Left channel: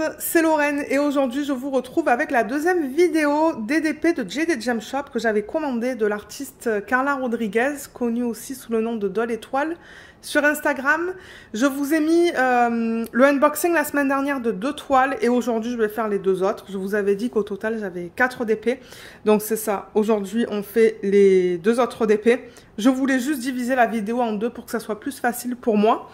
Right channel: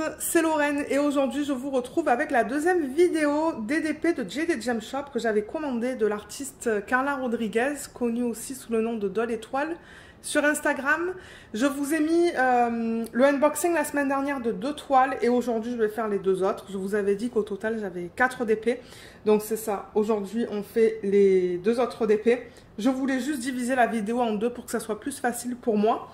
monde, c'est Lorraine et aujourd'hui je vous retrouve avec la deuxième vidéo DDP de JD Gem Shop que j'avais commandé de l'artiste Carla Rodriguez, connue aussi sous le nom de Doll Étoile sur Instagram. Je vous ai mis le unboxing la semaine dernière de 2 toiles et aujourd'hui je vais faire les 2 autres. Je vous avais dit qu'au total j'avais 4 DP, donc c'est ça. Aujourd'hui on fait les 2 autres DP. Je voulais juste diviser la vidéo en 2 pour que ça soit plus facile pour moi.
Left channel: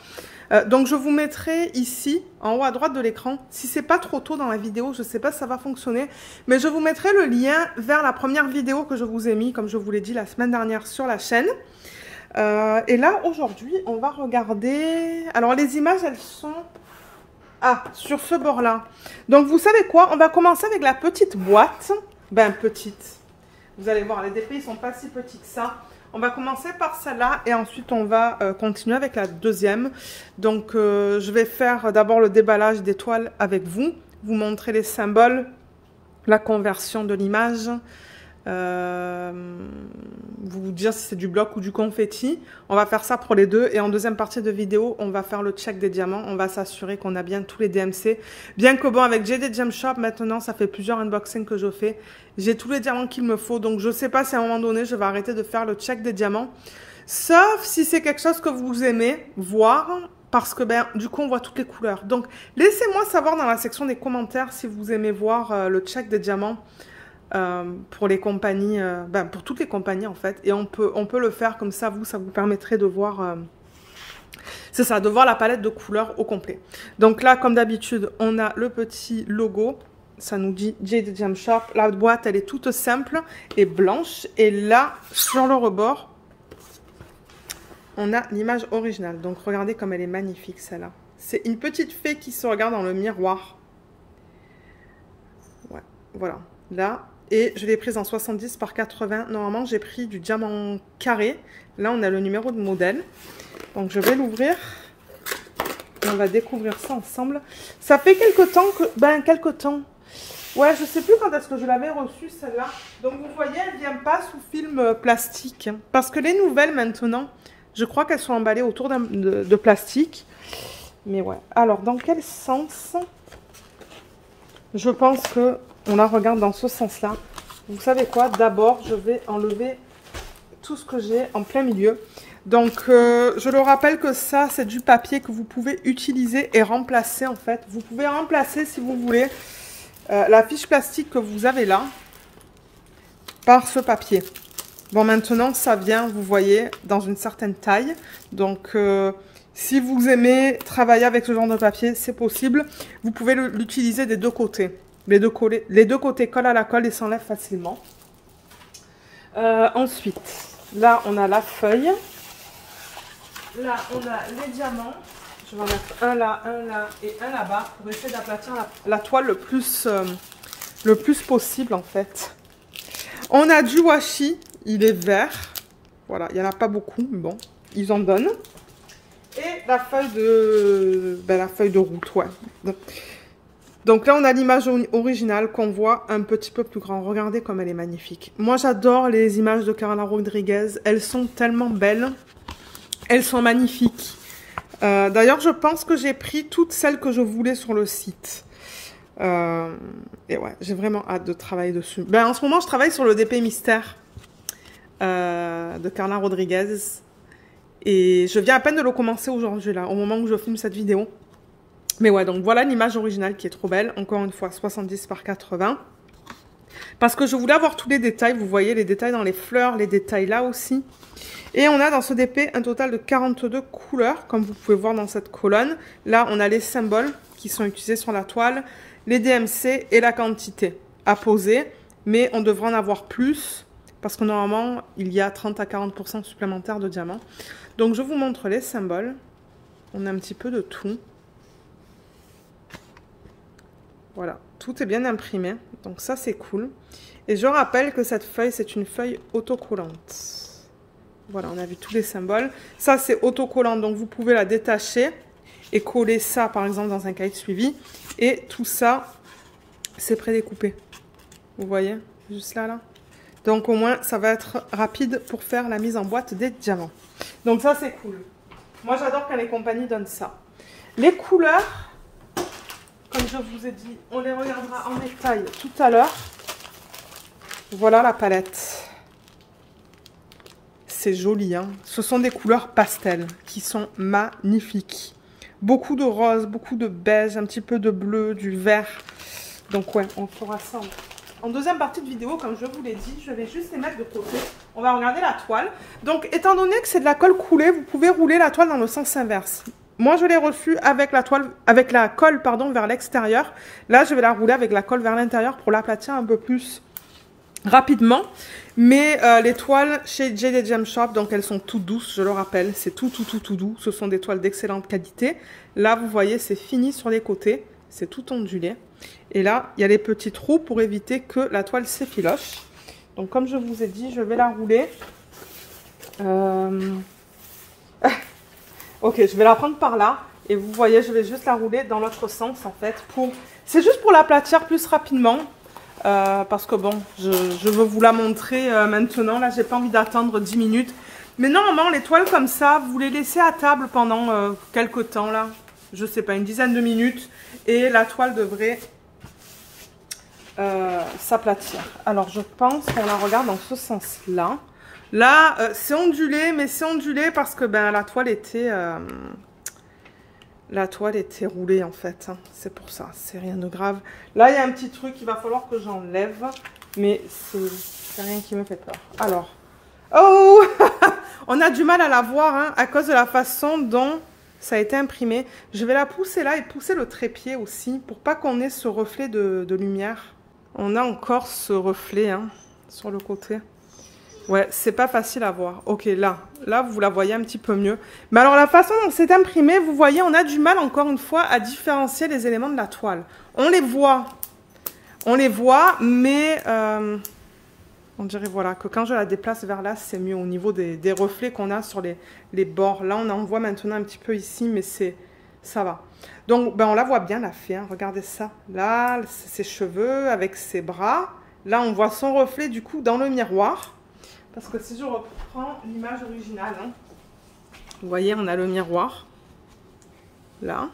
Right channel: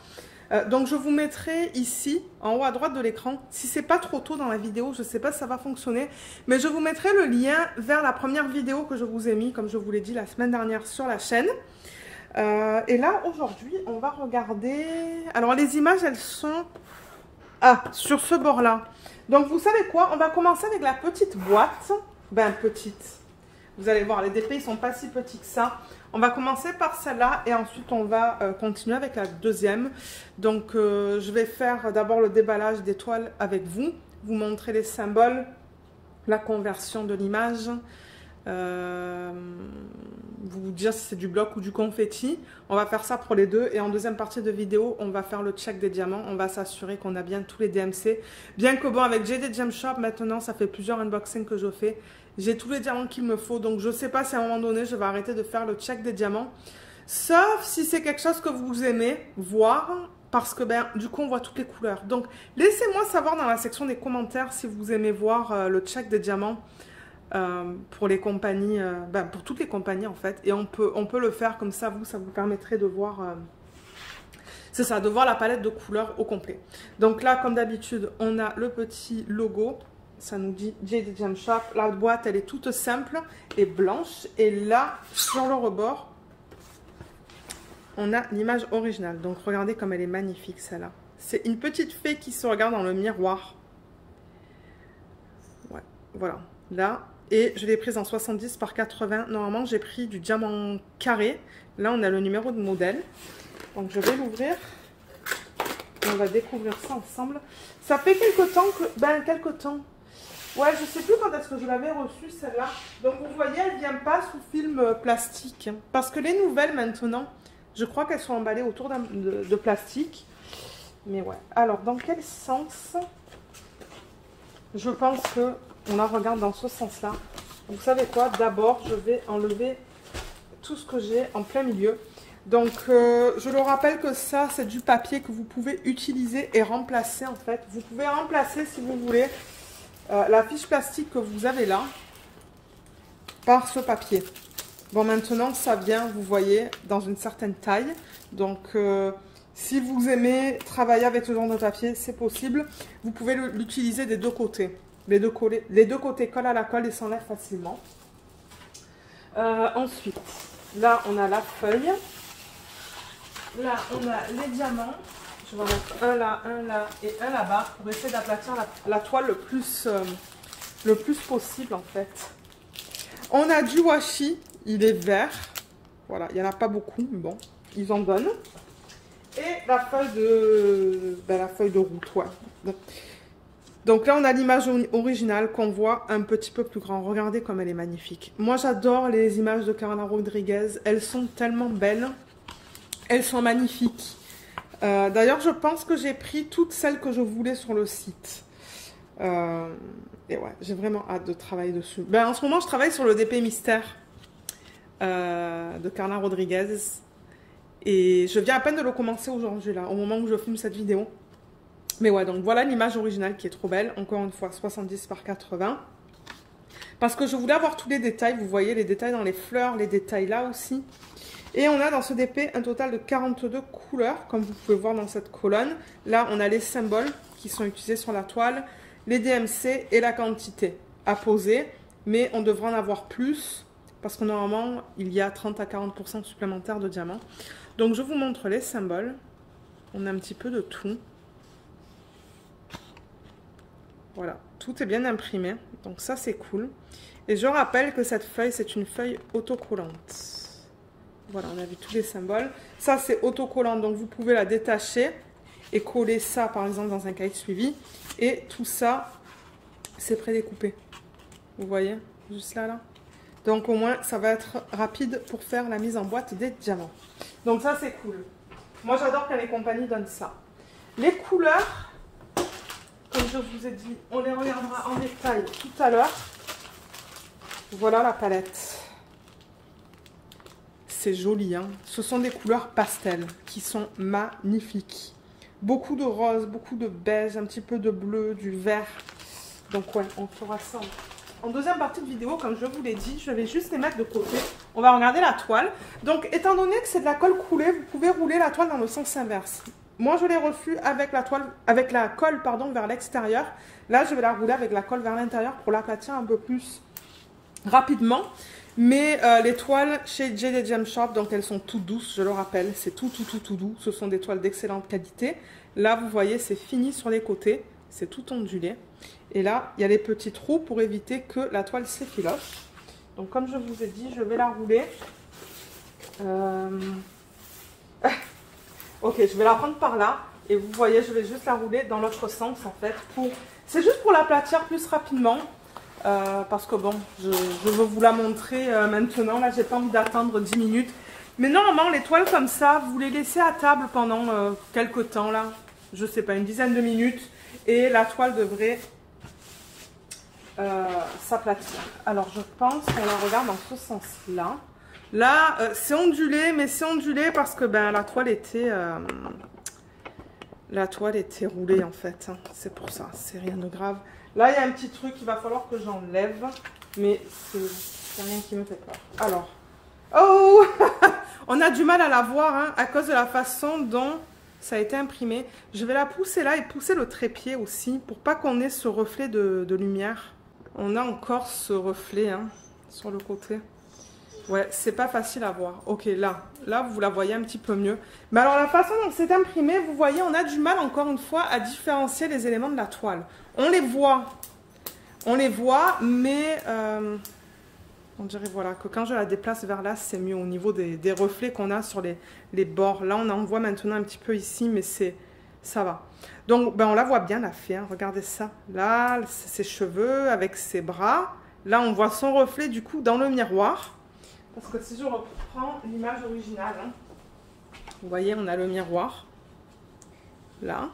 Donc je vous mettrai ici en haut à droite de l'écran, si c'est pas trop tôt dans la vidéo, je sais pas si ça va fonctionner, mais je vous mettrai le lien vers la première vidéo que je vous ai mis, comme je vous l'ai dit la semaine dernière sur la chaîne. Et là aujourd'hui on va regarder, alors les images elles sont sur ce bord là, donc vous savez quoi, on va commencer avec la petite boîte, petite, vous allez voir les DP ils sont pas si petits que ça. On va commencer par celle-là et ensuite on va continuer avec la deuxième. Donc je vais faire d'abord le déballage des toiles avec vous, vous montrer les symboles, la conversion de l'image, vous dire si c'est du bloc ou du confetti. On va faire ça pour les deux et en deuxième partie de vidéo, on va faire le check des diamants. On va s'assurer qu'on a bien tous les DMC. Bien que bon, avec JD Gem Shop, maintenant, ça fait plusieurs unboxings que je fais. J'ai tous les diamants qu'il me faut, donc je ne sais pas si à un moment donné, je vais arrêter de faire le check des diamants. Sauf si c'est quelque chose que vous aimez voir, parce que du coup, on voit toutes les couleurs. Donc, laissez-moi savoir dans la section des commentaires si vous aimez voir le check des diamants pour les compagnies, pour toutes les compagnies en fait. Et on peut le faire comme ça, ça vous permettrait de voir... c'est ça, de voir la palette de couleurs au complet. Donc là, comme d'habitude, on a le petit logo. Ça nous dit JD Gem Shop. La boîte, elle est toute simple et blanche. Et là, sur le rebord, on a l'image originale. Donc, regardez comme elle est magnifique, celle-là. C'est une petite fée qui se regarde dans le miroir. Ouais, voilà. Là, et je l'ai prise en 70 par 80. Normalement, j'ai pris du diamant carré. Là, on a le numéro de modèle. Donc, je vais l'ouvrir. On va découvrir ça ensemble. Ça fait quelques temps que... quelques temps. Ouais, je sais plus quand est-ce que je l'avais reçue, celle-là. Donc, vous voyez, elle ne vient pas sous film plastique. Parce que les nouvelles, maintenant, je crois qu'elles sont emballées autour de plastique. Mais ouais. Alors, dans quel sens? Je pense qu'on la regarde dans ce sens-là. Vous savez quoi? D'abord, je vais enlever tout ce que j'ai en plein milieu. Donc, je le rappelle que ça, c'est du papier que vous pouvez utiliser et remplacer, en fait. Vous pouvez remplacer, si vous voulez... la fiche plastique que vous avez là par ce papier. Bon, maintenant ça vient, vous voyez, dans une certaine taille. Donc si vous aimez travailler avec ce genre de papier, c'est possible. Vous pouvez l'utiliser des deux côtés. Les deux côtés collent à la colle et s'enlèvent facilement. Ensuite, là on a la feuille. Là on a les diamants. Je vais en mettre un là et un là-bas pour essayer d'aplatir la toile le plus possible en fait. On a du washi, il est vert. Voilà, il n'y en a pas beaucoup, mais bon, ils en donnent. Et la feuille de route, ouais. Donc là, on a l'image originale qu'on voit un petit peu plus grand. Regardez comme elle est magnifique. Moi, j'adore les images de Carla Rodriguez. Elles sont tellement belles. Elles sont magnifiques. D'ailleurs, je pense que j'ai pris toutes celles que je voulais sur le site. Et ouais, j'ai vraiment hâte de travailler dessus. En ce moment, je travaille sur le DP Mystère de Carla Rodriguez. Et je viens à peine de le commencer aujourd'hui, là, au moment où je filme cette vidéo. Mais ouais, donc voilà l'image originale qui est trop belle. Encore une fois, 70 par 80. Parce que je voulais avoir tous les détails. Vous voyez les détails dans les fleurs, les détails là aussi. Et on a dans ce DP un total de 42 couleurs, comme vous pouvez voir dans cette colonne. Là, on a les symboles qui sont utilisés sur la toile, les DMC et la quantité à poser. Mais on devrait en avoir plus, parce que normalement, il y a 30 à 40% supplémentaires de diamants. Donc, je vous montre les symboles. On a un petit peu de tout. Voilà, tout est bien imprimé. Donc ça, c'est cool. Et je rappelle que cette feuille, c'est une feuille autocollante. Voilà, on a vu tous les symboles. Ça, c'est autocollant, donc vous pouvez la détacher et coller ça, par exemple, dans un cahier de suivi. Et tout ça, c'est prédécoupé. Vous voyez, juste là. Donc, au moins, ça va être rapide pour faire la mise en boîte des diamants. Donc, ça, c'est cool. Moi, j'adore quand les compagnies donnent ça. Les couleurs, comme je vous ai dit, on les regardera en détail tout à l'heure. Voilà la palette. C'est joli, hein. Ce sont des couleurs pastel qui sont magnifiques. Beaucoup de rose, beaucoup de beige, un petit peu de bleu, du vert. Donc ouais, on fera ça en deuxième partie de vidéo, comme je vous l'ai dit. Je vais juste les mettre de côté. On va regarder la toile. Donc, étant donné que c'est de la colle coulée, vous pouvez rouler la toile dans le sens inverse. Moi, je l'ai reçue avec la toile, avec la colle, pardon, vers l'extérieur. Là, je vais la rouler avec la colle vers l'intérieur pour l'aplatir un peu plus rapidement. Mais les toiles chez Jaded Gem Shop, donc elles sont toutes douces, je le rappelle. C'est tout doux. Ce sont des toiles d'excellente qualité. Là, vous voyez, c'est fini sur les côtés. C'est tout ondulé. Et là, il y a les petits trous pour éviter que la toile s'effiloche. Donc, comme je vous ai dit, je vais la rouler. Ok, je vais la prendre par là. Et vous voyez, je vais juste la rouler dans l'autre sens, en fait. C'est juste pour l'aplatir plus rapidement. Parce que bon, je veux vous la montrer maintenant. Là, j'ai pas envie d'attendre 10 minutes. Mais normalement, les toiles comme ça, vous les laissez à table pendant quelques temps, là. Je sais pas, une dizaine de minutes. Et la toile devrait s'aplatir. Alors, je pense qu'on la regarde dans ce sens-là. Là, c'est ondulé, mais c'est ondulé parce que ben, la toile était roulée, en fait. Hein. C'est pour ça, c'est rien de grave. Là, il y a un petit truc qu'il va falloir que j'enlève, mais c'est rien qui me fait peur. Alors, oh on a du mal à la voir hein, à cause de la façon dont ça a été imprimé. Je vais la pousser là et pousser le trépied aussi pour pas qu'on ait ce reflet de lumière. On a encore ce reflet hein, sur le côté. Ouais, c'est pas facile à voir. Ok, là, vous la voyez un petit peu mieux. Mais alors, la façon dont c'est imprimé, vous voyez, on a du mal, encore une fois, à différencier les éléments de la toile. On les voit, mais on dirait, voilà, que quand je la déplace vers là, c'est mieux au niveau des reflets qu'on a sur les bords. Là, on en voit maintenant un petit peu ici, mais ça va. Donc, ben, on la voit bien, la fille, hein. Regardez ça. Là, ses cheveux avec ses bras. Là, on voit son reflet, du coup, dans le miroir. Parce que si je reprends l'image originale, hein, vous voyez, on a le miroir, là,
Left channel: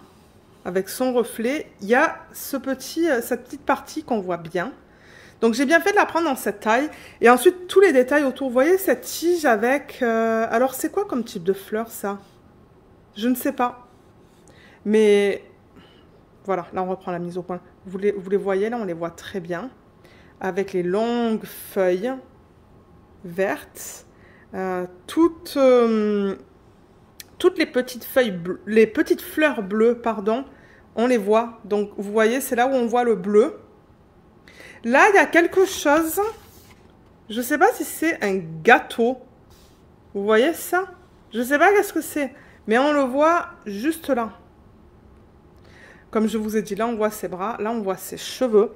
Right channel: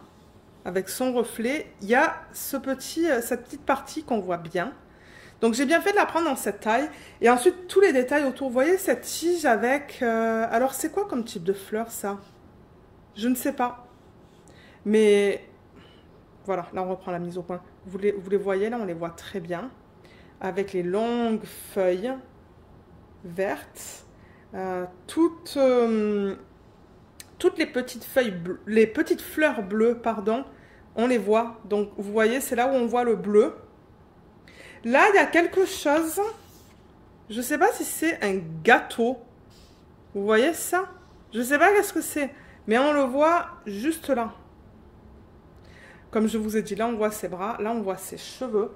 avec son reflet. Il y a cette petite partie qu'on voit bien. Donc, j'ai bien fait de la prendre dans cette taille. Et ensuite, tous les détails autour. Vous voyez cette tige avec... alors, c'est quoi comme type de fleur, ça? Je ne sais pas. Mais, voilà, là, on reprend la mise au point. Vous les voyez, là, on les voit très bien. Avec les longues feuilles vertes, toutes les petites feuilles bleues, les petites fleurs bleues, pardon, on les voit. Donc, vous voyez, c'est là où on voit le bleu. Là, il y a quelque chose, je ne sais pas si c'est un gâteau. Vous voyez ça? Je ne sais pas qu'est-ce que c'est, mais on le voit juste là. Comme je vous ai dit, là, on voit ses bras, là, on voit ses cheveux.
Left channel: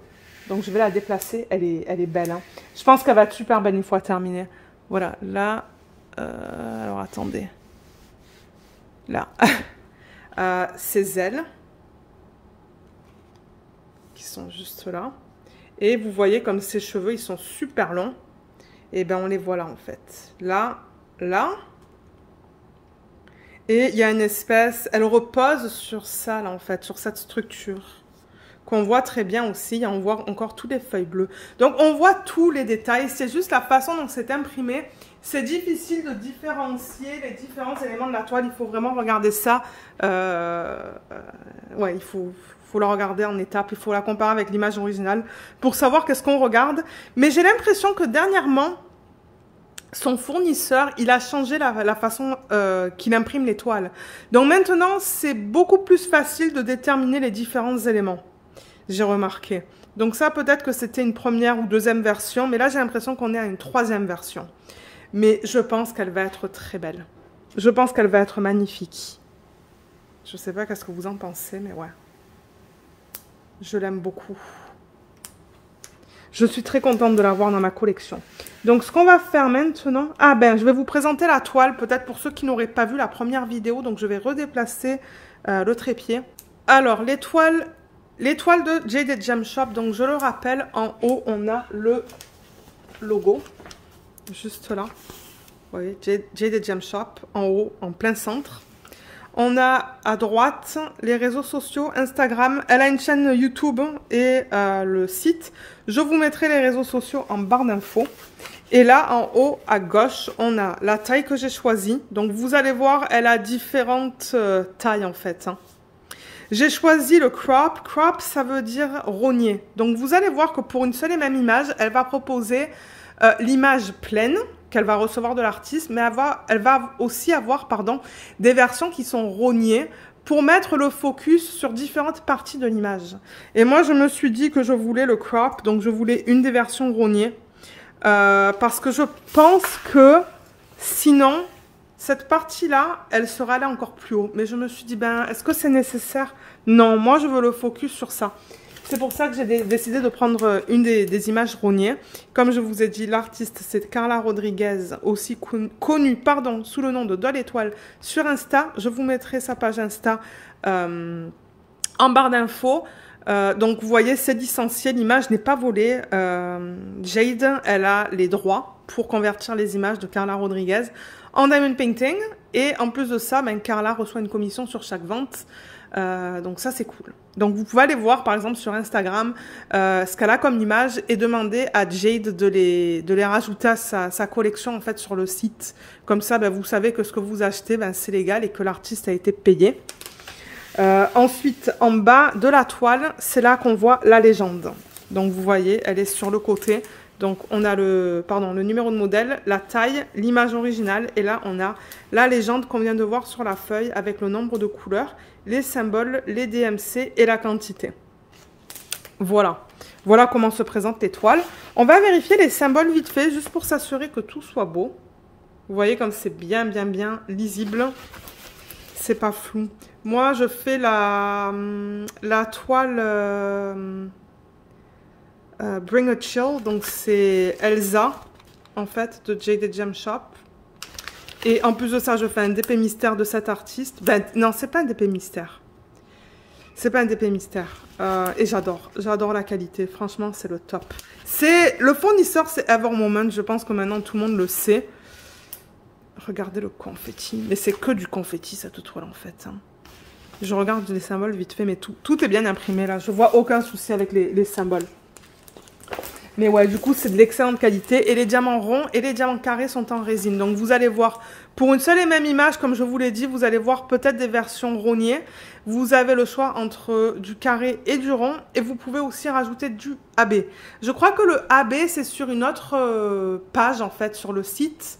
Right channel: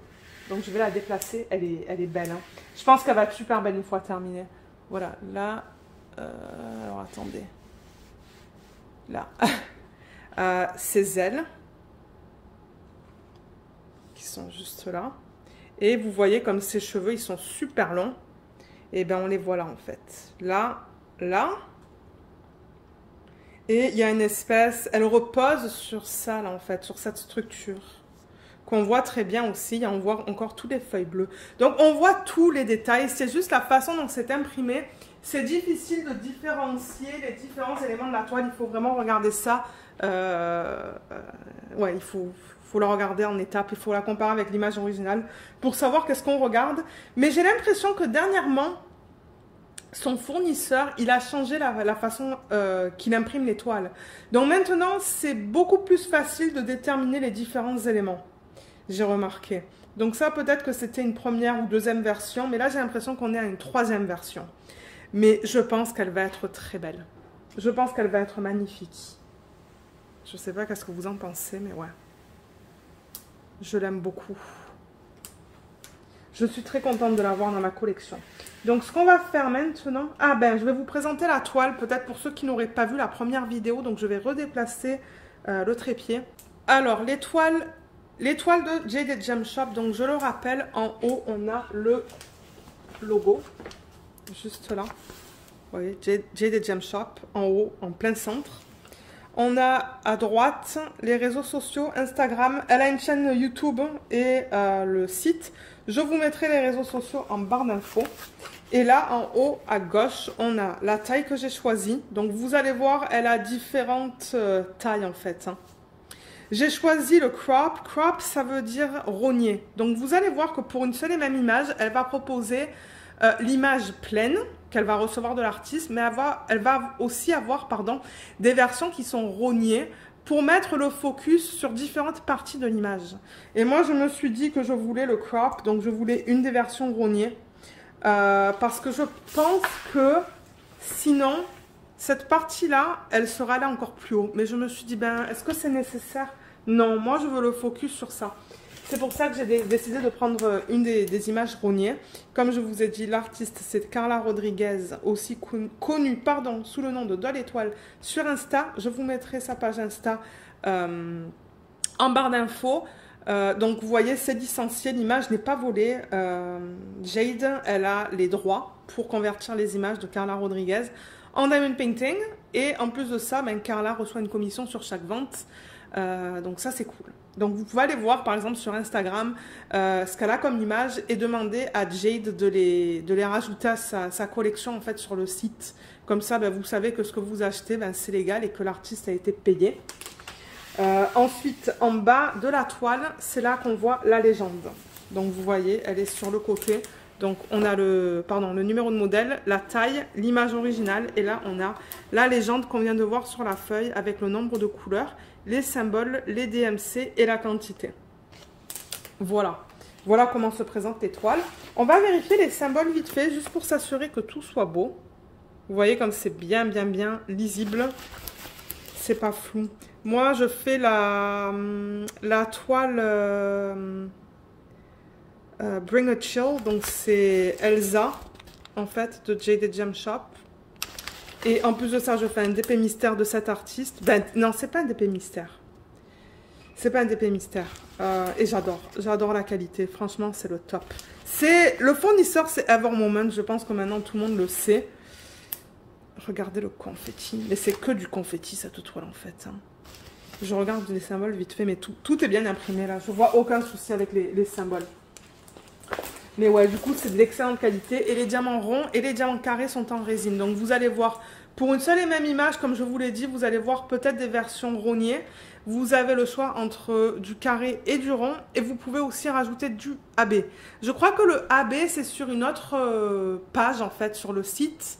Donc, je vais la déplacer. Elle est belle. Hein. Je pense qu'elle va être super belle une fois terminée. Voilà. Là. Alors, attendez. Là. Ses ailes. Qui sont juste là. Et vous voyez comme ses cheveux, ils sont super longs. Et bien, on les voit là, en fait. Là. Là. Et il y a une espèce... Elle repose sur ça, là, en fait. Sur cette structure. Qu'on voit très bien aussi, on voit encore toutes les feuilles bleues. Donc, on voit tous les détails, c'est juste la façon dont c'est imprimé. C'est difficile de différencier les différents éléments de la toile, il faut vraiment regarder ça. Ouais, il faut la regarder en étapes, il faut la comparer avec l'image originale pour savoir qu'est-ce qu'on regarde. Mais j'ai l'impression que dernièrement, son fournisseur, il a changé la façon qu'il imprime les toiles. Donc maintenant, c'est beaucoup plus facile de déterminer les différents éléments. J'ai remarqué. Donc ça, peut-être que c'était une première ou deuxième version, mais là, j'ai l'impression qu'on est à une troisième version. Mais je pense qu'elle va être très belle. Je pense qu'elle va être magnifique. Je ne sais pas qu'est-ce que vous en pensez, mais ouais. Je l'aime beaucoup. Je suis très contente de l'avoir dans ma collection. Donc, ce qu'on va faire maintenant... Ah ben, je vais vous présenter la toile, peut-être pour ceux qui n'auraient pas vu la première vidéo. Donc, je vais redéplacer le trépied. Alors, les toiles de Jaded Gem Shop, donc je le rappelle, en haut, on a le logo, juste là. Vous voyez, Jaded Gem Shop, en haut, en plein centre. On a à droite les réseaux sociaux, Instagram. Elle a une chaîne YouTube et le site. Je vous mettrai les réseaux sociaux en barre d'infos. Et là, en haut à gauche, on a la taille que j'ai choisie. Donc, vous allez voir, elle a différentes tailles en fait. J'ai choisi le crop. Crop, ça veut dire rogner. Donc, vous allez voir que pour une seule et même image, elle va proposer l'image pleine qu'elle va recevoir de l'artiste, mais elle va aussi avoir des versions qui sont rognées pour mettre le focus sur différentes parties de l'image. Et moi, je me suis dit que je voulais le crop, donc je voulais une des versions rognées. Parce que je pense que sinon, cette partie-là, elle sera allée encore plus haut. Mais je me suis dit, ben, est-ce que c'est nécessaire? Non, moi, je veux le focus sur ça. C'est pour ça que j'ai décidé de prendre une des images rognées. Comme je vous ai dit, l'artiste, c'est Carla Rodriguez, aussi connue sous le nom de Doll Étoile sur Insta. Je vous mettrai sa page Insta en barre d'infos. Donc, vous voyez, c'est licencié, l'image n'est pas volée. Jade, elle a les droits pour convertir les images de Carla Rodriguez en diamond painting. Et en plus de ça, ben, Carla reçoit une commission sur chaque vente. Donc, ça, c'est cool. Donc, vous pouvez aller voir, par exemple, sur Instagram, ce qu'elle a comme image et demander à Jade de les rajouter à sa collection, en fait, sur le site. Comme ça, ben, vous savez que ce que vous achetez, ben, c'est légal et que l'artiste a été payé. Ensuite, en bas de la toile, c'est là qu'on voit la légende. Donc, vous voyez, elle est sur le côté. Donc, on a le numéro de modèle, la taille, l'image originale. Et là, on a la légende qu'on vient de voir sur la feuille avec le nombre de couleurs, les symboles, les DMC et la quantité. Voilà. Voilà comment se présentent les toiles. On va vérifier les symboles vite fait, juste pour s'assurer que tout soit beau. Vous voyez comme c'est bien lisible. C'est pas flou. Moi, je fais la toile Bring a Chill. Donc, c'est Elsa, en fait, de Jade Gem Shop. Et en plus de ça, je fais un DP mystère de cet artiste. Ben, non, c'est pas un DP mystère. C'est pas un DP mystère. Et j'adore. J'adore la qualité. Franchement, c'est le top. Le fournisseur, c'est Evermoment. Je pense que maintenant, tout le monde le sait. Regardez le confetti. Mais c'est que du confetti, cette toile, en fait. Hein. Je regarde les symboles vite fait, mais tout est bien imprimé, là. Je vois aucun souci avec les symboles. Mais ouais, du coup, c'est de l'excellente qualité. Et les diamants ronds et les diamants carrés sont en résine. Donc, vous allez voir, pour une seule et même image, comme je vous l'ai dit, vous allez voir peut-être des versions rognées. Vous avez le choix entre du carré et du rond. Et vous pouvez aussi rajouter du AB. Je crois que le AB, c'est sur une autre page, en fait, sur le site.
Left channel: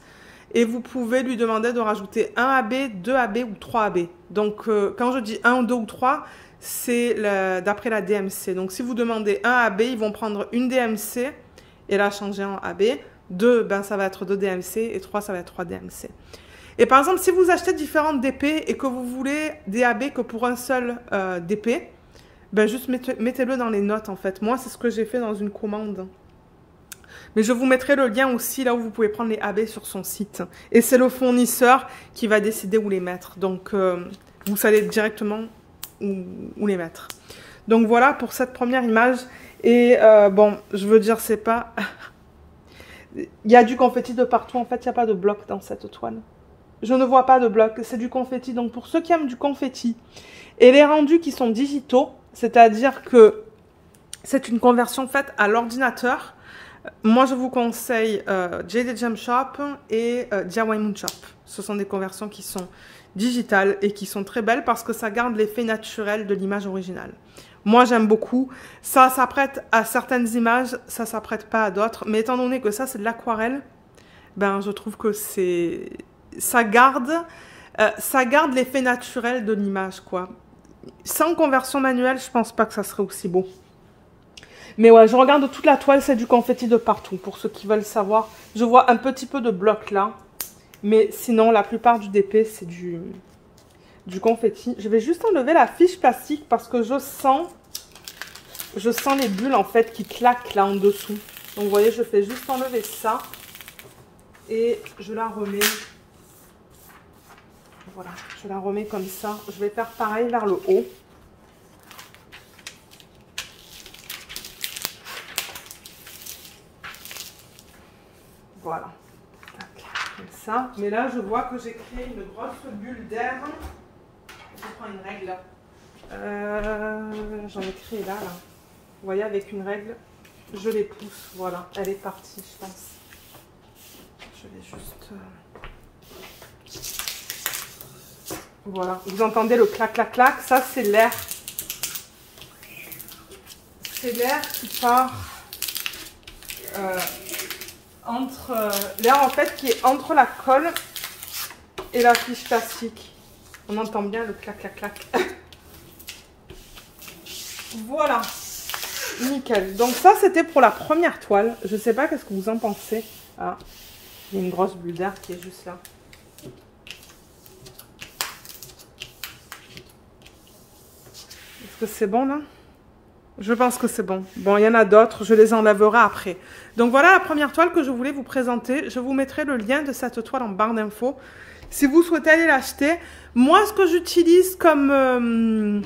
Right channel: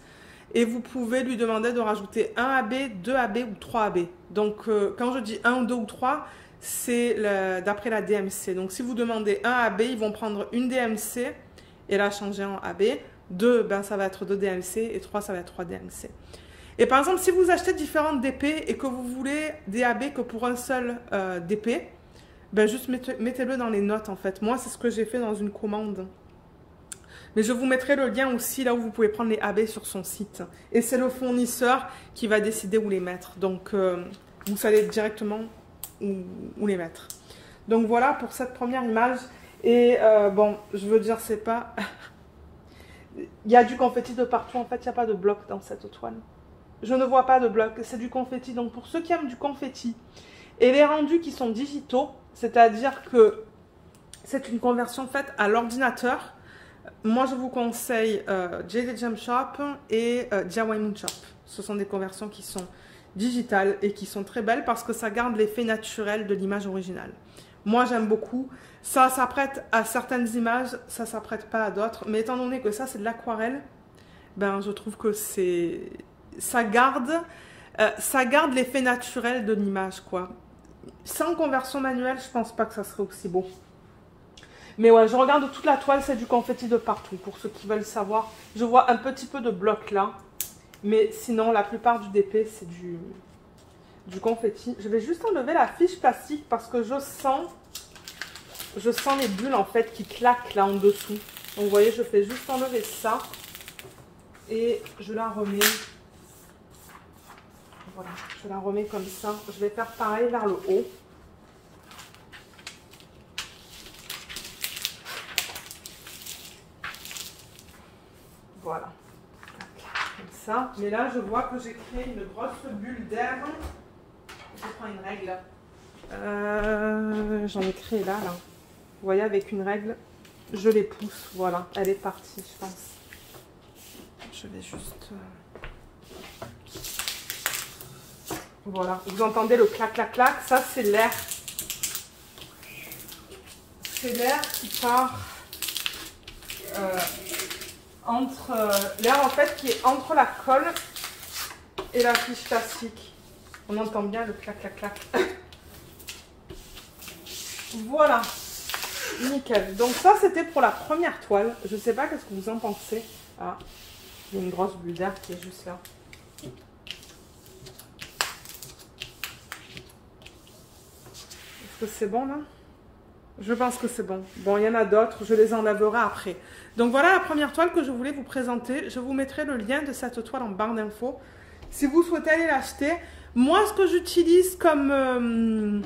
Et vous pouvez lui demander de rajouter 1 AB, 2 AB ou 3 AB. Donc, quand je dis 1, 2 ou 3, c'est d'après la DMC. Donc, si vous demandez 1 AB, ils vont prendre une DMC et la changer en AB. 2, ben, ça va être 2 DMC et 3, ça va être 3 DMC. Et par exemple, si vous achetez différentes DP et que vous voulez des AB que pour un seul DP, ben, juste mettez-le dans les notes, en fait. Moi, c'est ce que j'ai fait dans une commande. Mais je vous mettrai le lien aussi là où vous pouvez prendre les AB sur son site. Et c'est le fournisseur qui va décider où les mettre. Donc, vous savez directement où les mettre. Donc, voilà pour cette première image. Et bon, je veux dire, c'est pas... Il y a du confetti de partout. En fait, il n'y a pas de bloc dans cette toile. Je ne vois pas de bloc. C'est du confetti. Donc, pour ceux qui aiment du confetti et les rendus qui sont digitaux, c'est-à-dire que c'est une conversion faite à l'ordinateur. Moi, je vous conseille Jade Gem Shop et DIY Moon Shop. Ce sont des conversions qui sont digitales et qui sont très belles parce que ça garde l'effet naturel de l'image originale. Moi, j'aime beaucoup. Ça s'apprête à certaines images, ça s'apprête pas à d'autres. Mais étant donné que ça, c'est de l'aquarelle, ben, je trouve que ça garde l'effet naturel de l'image, quoi. Sans conversion manuelle, je pense pas que ça serait aussi beau. Mais ouais, je regarde toute la toile, c'est du confetti de partout. Pour ceux qui veulent savoir, je vois un petit peu de bloc là. Mais sinon, la plupart du DP, c'est du confetti. Je vais juste enlever la fiche plastique parce que je sens les bulles en fait qui claquent là en dessous. Donc vous voyez, je fais juste enlever ça. Et je la remets. Voilà, je la remets comme ça. Je vais faire pareil vers le haut. Voilà, comme ça. Mais là, je vois que j'ai créé une grosse bulle d'air Je prends une règle. J'en ai créé là. Vous voyez, avec une règle, je les pousse. Voilà, elle est partie, je pense. Je vais juste... Voilà, vous entendez le clac, clac, clac. Ça, c'est l'air. C'est l'air qui part l'air en fait qui est entre la colle et la fiche plastique. On entend bien le clac, clac, clac. Voilà, nickel. Donc ça, c'était pour la première toile. Je sais pas qu'est-ce que vous en pensez. Ah, il y a une grosse bulle d'air qui est juste là. Est-ce que c'est bon là? Je pense que c'est bon. Bon, il y en a d'autres, je les enlèverai après. Donc voilà la première toile que je voulais vous présenter. Je vous mettrai le lien de cette toile en barre d'infos. Si vous souhaitez aller l'acheter. Moi, ce que j'utilise comme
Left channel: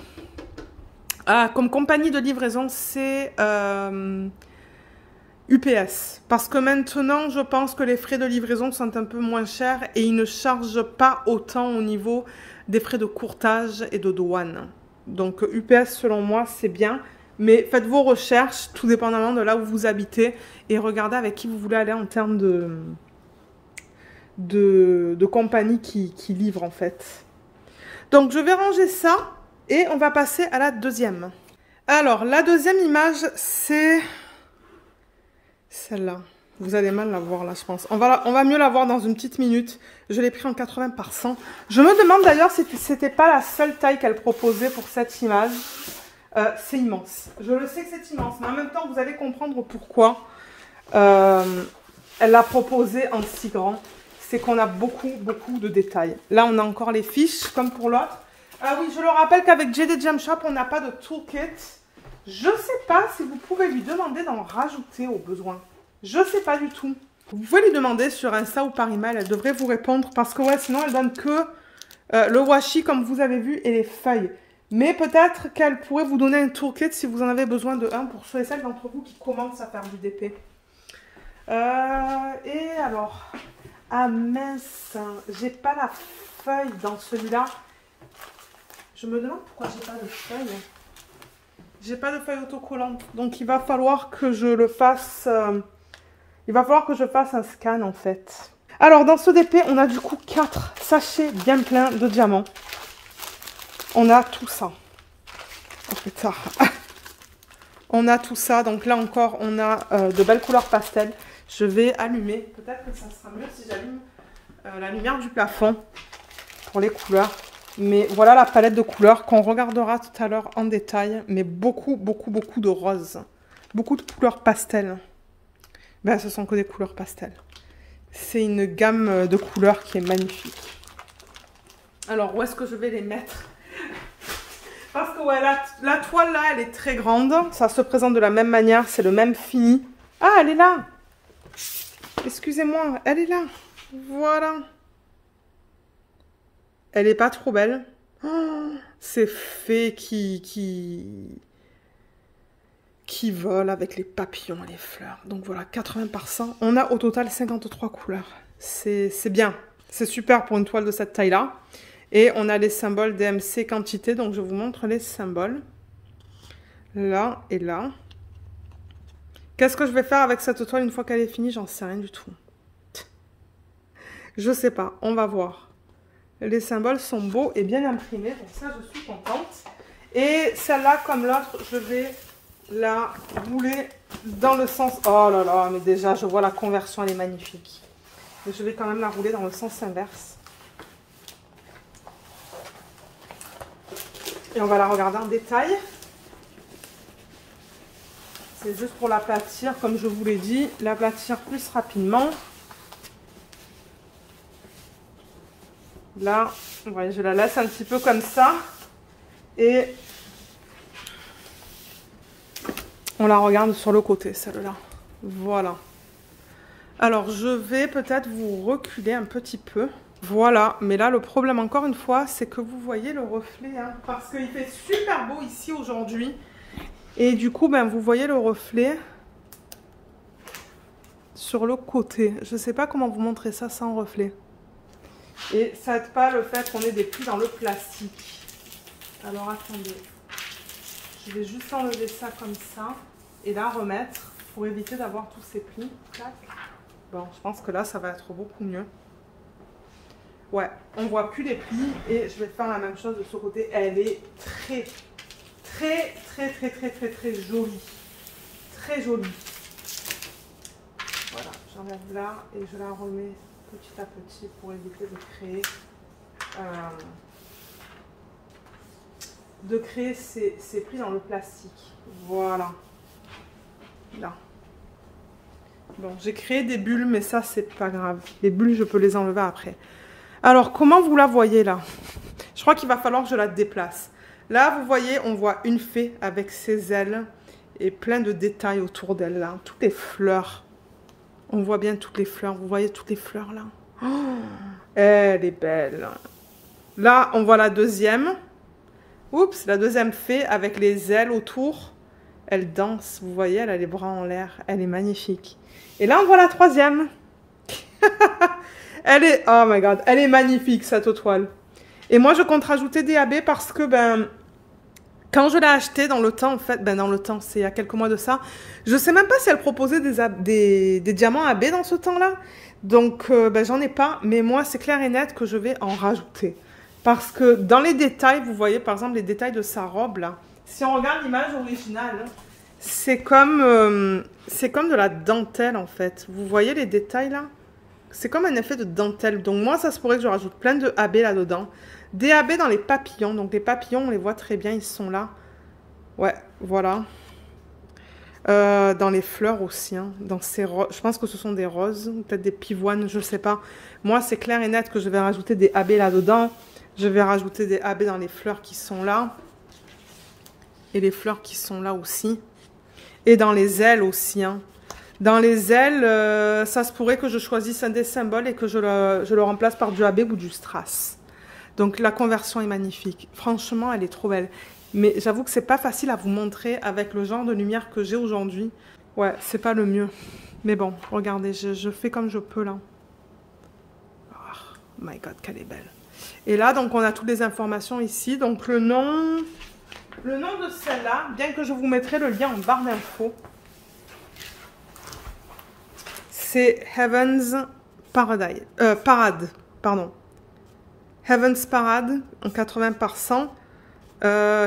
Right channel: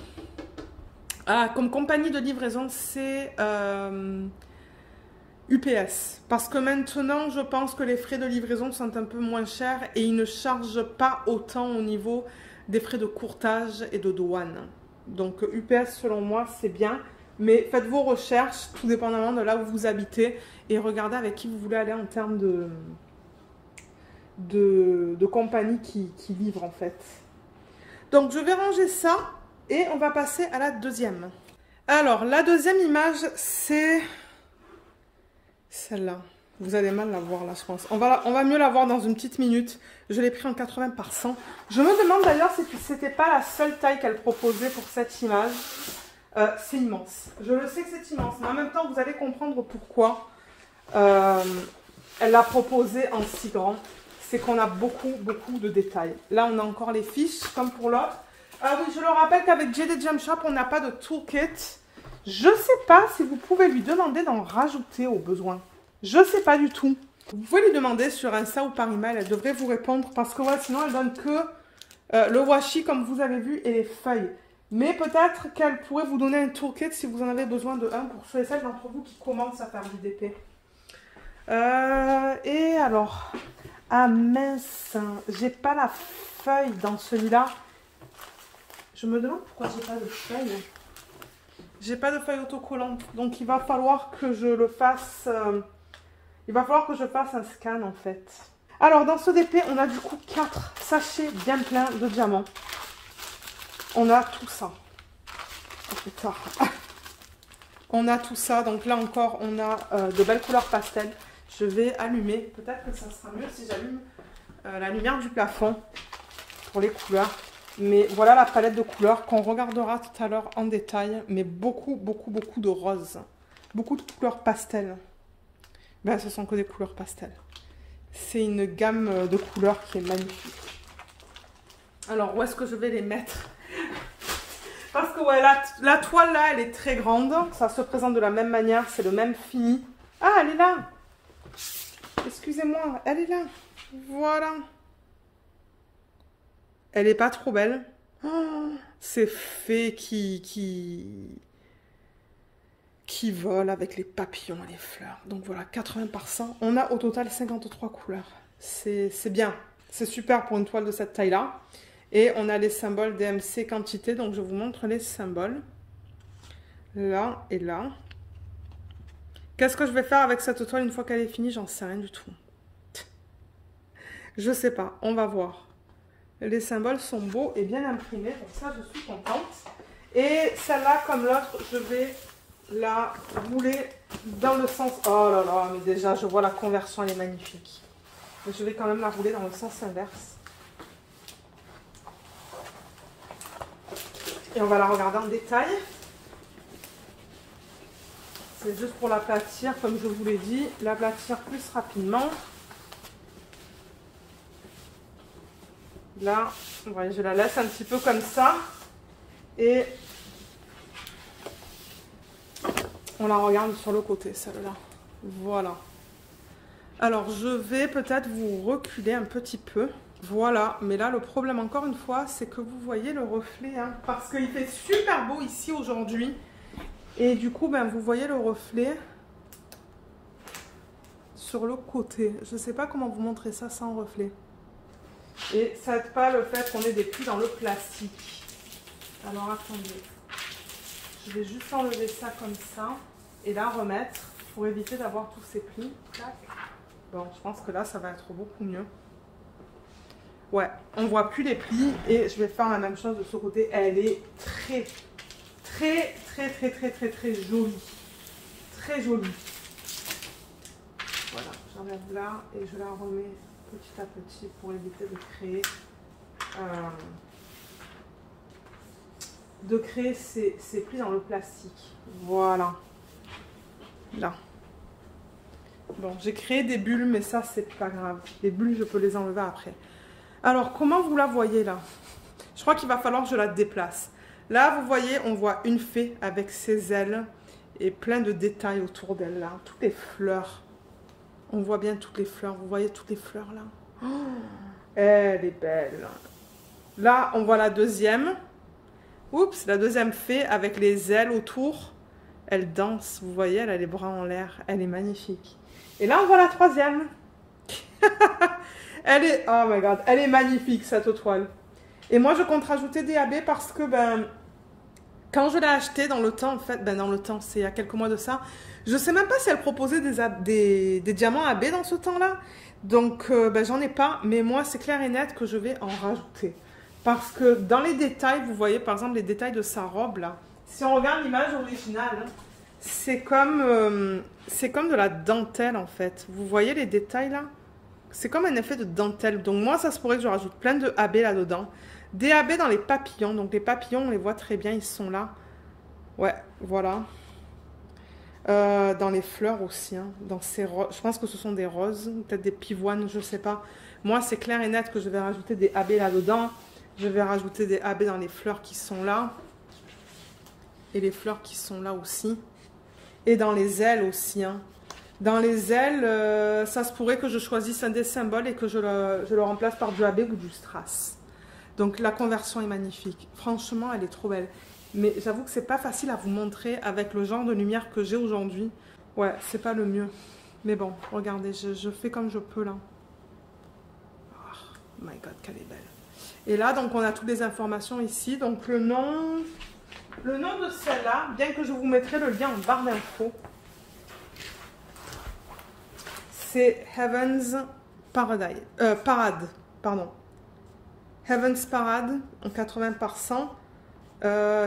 compagnie de livraison, c'est UPS. Parce que maintenant, je pense que les frais de livraison sont un peu moins chers et ils ne chargent pas autant au niveau des frais de courtage et de douane. Donc UPS, selon moi, c'est bien. Mais faites vos recherches, tout dépendamment de là où vous habitez, et regardez avec qui vous voulez aller en termes de compagnie qui livre en fait. Donc je vais ranger ça, et on va passer à la deuxième. Alors, la deuxième image, c'est celle-là. Vous allez mal la voir là, je pense. On va mieux la voir dans une petite minute. Je l'ai pris en 80 par 100. Je me demande d'ailleurs si c'était pas la seule taille qu'elle proposait pour cette image. C'est immense. Je le sais que c'est immense, mais en même temps, vous allez comprendre pourquoi elle l'a proposé en si grand. C'est qu'on a beaucoup de détails. Là, on a encore les fiches, comme pour l'autre. Ah oui, je le rappelle qu'avec JD Gem Shop, on n'a pas de toolkit. Je ne sais pas si vous pouvez lui demander d'en rajouter au besoin. Je ne sais pas du tout. Vous pouvez lui demander sur Insta ou par email. Elle devrait vous répondre parce que ouais, sinon, elle donne que le washi, comme vous avez vu, et les feuilles. Mais peut-être qu'elle pourrait vous donner un toolkit si vous en avez besoin de un pour ceux et celles d'entre vous qui commencent à faire du DP. Et alors, ah mince, j'ai pas la feuille dans celui-là. Je me demande pourquoi j'ai pas de feuille. J'ai pas de feuille autocollante, donc il va falloir que je le fasse. Il va falloir que je fasse un scan en fait. Alors dans ce DP, on a du coup 4 sachets bien pleins de diamants. On a tout ça. Oh, putain. On a tout ça. Donc là encore, on a de belles couleurs pastel. Je vais allumer. Peut-être que ça sera mieux si j'allume la lumière du plafond pour les couleurs. Mais voilà la palette de couleurs qu'on regardera tout à l'heure en détail. Mais beaucoup de roses. Beaucoup de couleurs pastel. Ben, ce sont que des couleurs pastel. C'est une gamme de couleurs qui est magnifique. Alors, où est-ce que je vais les mettre ? Parce que ouais, la toile là, elle est très grande. Ça se présente de la même manière. C'est le même fini. Ah, elle est là. Excusez-moi, elle est là. Voilà. Elle est pas trop belle. Oh, c'est fait qui vole avec les papillons et les fleurs. Donc voilà, 80 par 100. On a au total 53 couleurs. C'est bien. C'est super pour une toile de cette taille-là. Et on a les symboles DMC quantité. Donc je vous montre les symboles. Là et là. Qu'est-ce que je vais faire avec cette toile une fois qu'elle est finie? J'en sais rien du tout. Je sais pas. On va voir. Les symboles sont beaux et bien imprimés. Donc ça, je suis contente. Et celle-là, comme l'autre, je vais la rouler dans le sens... Oh là là, mais déjà, je vois la conversion, elle est magnifique. Mais je vais quand même la rouler dans le sens inverse. Et on va la regarder en détail. C'est juste pour l'aplatir, comme je vous l'ai dit, l'aplatir plus rapidement. Là, ouais, je la laisse un petit peu comme ça. Et on la regarde sur le côté, celle-là. Voilà. Alors, je vais peut-être vous reculer un petit peu. Voilà. Mais là, le problème, encore une fois, c'est que vous voyez le reflet. Hein, parce qu'il fait super beau ici aujourd'hui. Et du coup, ben, vous voyez le reflet sur le côté. Je ne sais pas comment vous montrer ça sans reflet. Et ça n'aide pas le fait qu'on ait des plis dans le plastique. Alors attendez, je vais juste enlever ça comme ça et la remettre pour éviter d'avoir tous ces plis. Clac. Bon, je pense que là, ça va être beaucoup mieux. Ouais, on voit plus les plis et je vais faire la même chose de ce côté. Elle est très jolie. Très jolie. Voilà, j'enlève là et je la remets petit à petit pour éviter de créer ces plis dans le plastique. Voilà. Là. Bon, j'ai créé des bulles, mais ça, c'est pas grave. Les bulles, je peux les enlever après. Alors, comment vous la voyez là? Je crois qu'il va falloir que je la déplace. Là, vous voyez, on voit une fée avec ses ailes et plein de détails autour d'elle là. Toutes les fleurs. On voit bien toutes les fleurs. Vous voyez toutes les fleurs là? Oh, elle est belle. Là, on voit la deuxième. Oups, la deuxième fée avec les ailes autour. Elle danse, vous voyez, elle a les bras en l'air. Elle est magnifique. Et là, on voit la troisième. Elle est, oh my god, elle est magnifique cette toile. Et moi, je compte rajouter des AB parce que, quand je l'ai acheté dans le temps, en fait, dans le temps, c'est il y a quelques mois de ça, je sais même pas si elle proposait des diamants AB dans ce temps-là. Donc, j'en ai pas, mais moi, c'est clair et net que je vais en rajouter. Parce que dans les détails, vous voyez, par exemple, les détails de sa robe, là, si on regarde l'image originale, c'est comme de la dentelle, en fait. Vous voyez les détails, là? C'est comme un effet de dentelle. Donc moi, ça se pourrait que je rajoute plein de AB là-dedans. Des AB dans les papillons. Donc les papillons, on les voit très bien, ils sont là. Ouais, voilà. Dans les fleurs aussi. Hein. Dans ces je pense que ce sont des roses, peut-être des pivoines, je sais pas. Moi, c'est clair et net que je vais rajouter des AB là-dedans. Je vais rajouter des AB dans les fleurs qui sont là. Et les fleurs qui sont là aussi. Et dans les ailes aussi, hein. Dans les ailes, ça se pourrait que je choisisse un des symboles et que je le remplace par du AB ou du strass. Donc la conversion est magnifique. Franchement, elle est trop belle. Mais j'avoue que c'est pas facile à vous montrer avec le genre de lumière que j'ai aujourd'hui. Ouais, c'est pas le mieux. Mais bon, regardez, je fais comme je peux là. Oh my god, qu'elle est belle. Et là, donc on a toutes les informations ici. Donc le nom de celle-là, bien que je vous mettrai le lien en barre d'infos. C'est Heaven's Parade, pardon. Heaven's Parade en 80%.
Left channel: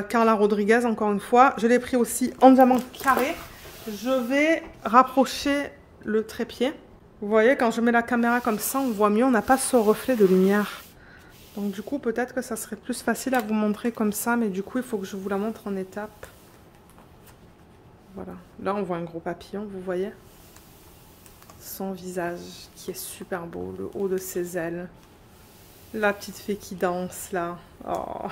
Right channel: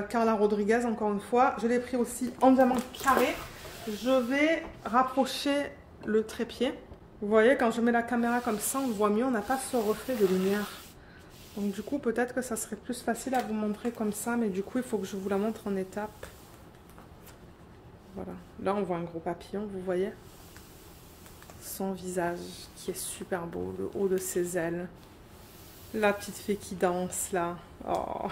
Carla Rodriguez, encore une fois. Je l'ai pris aussi en diamant carré. Je vais rapprocher le trépied. Vous voyez, quand je mets la caméra comme ça, on voit mieux. On n'a pas ce reflet de lumière. Donc du coup, peut-être que ça serait plus facile à vous montrer comme ça. Mais du coup, il faut que je vous la montre en étapes. Voilà. Là, on voit un gros papillon, vous voyez. Son visage qui est super beau, le haut de ses ailes. La petite fée qui danse là. Oh.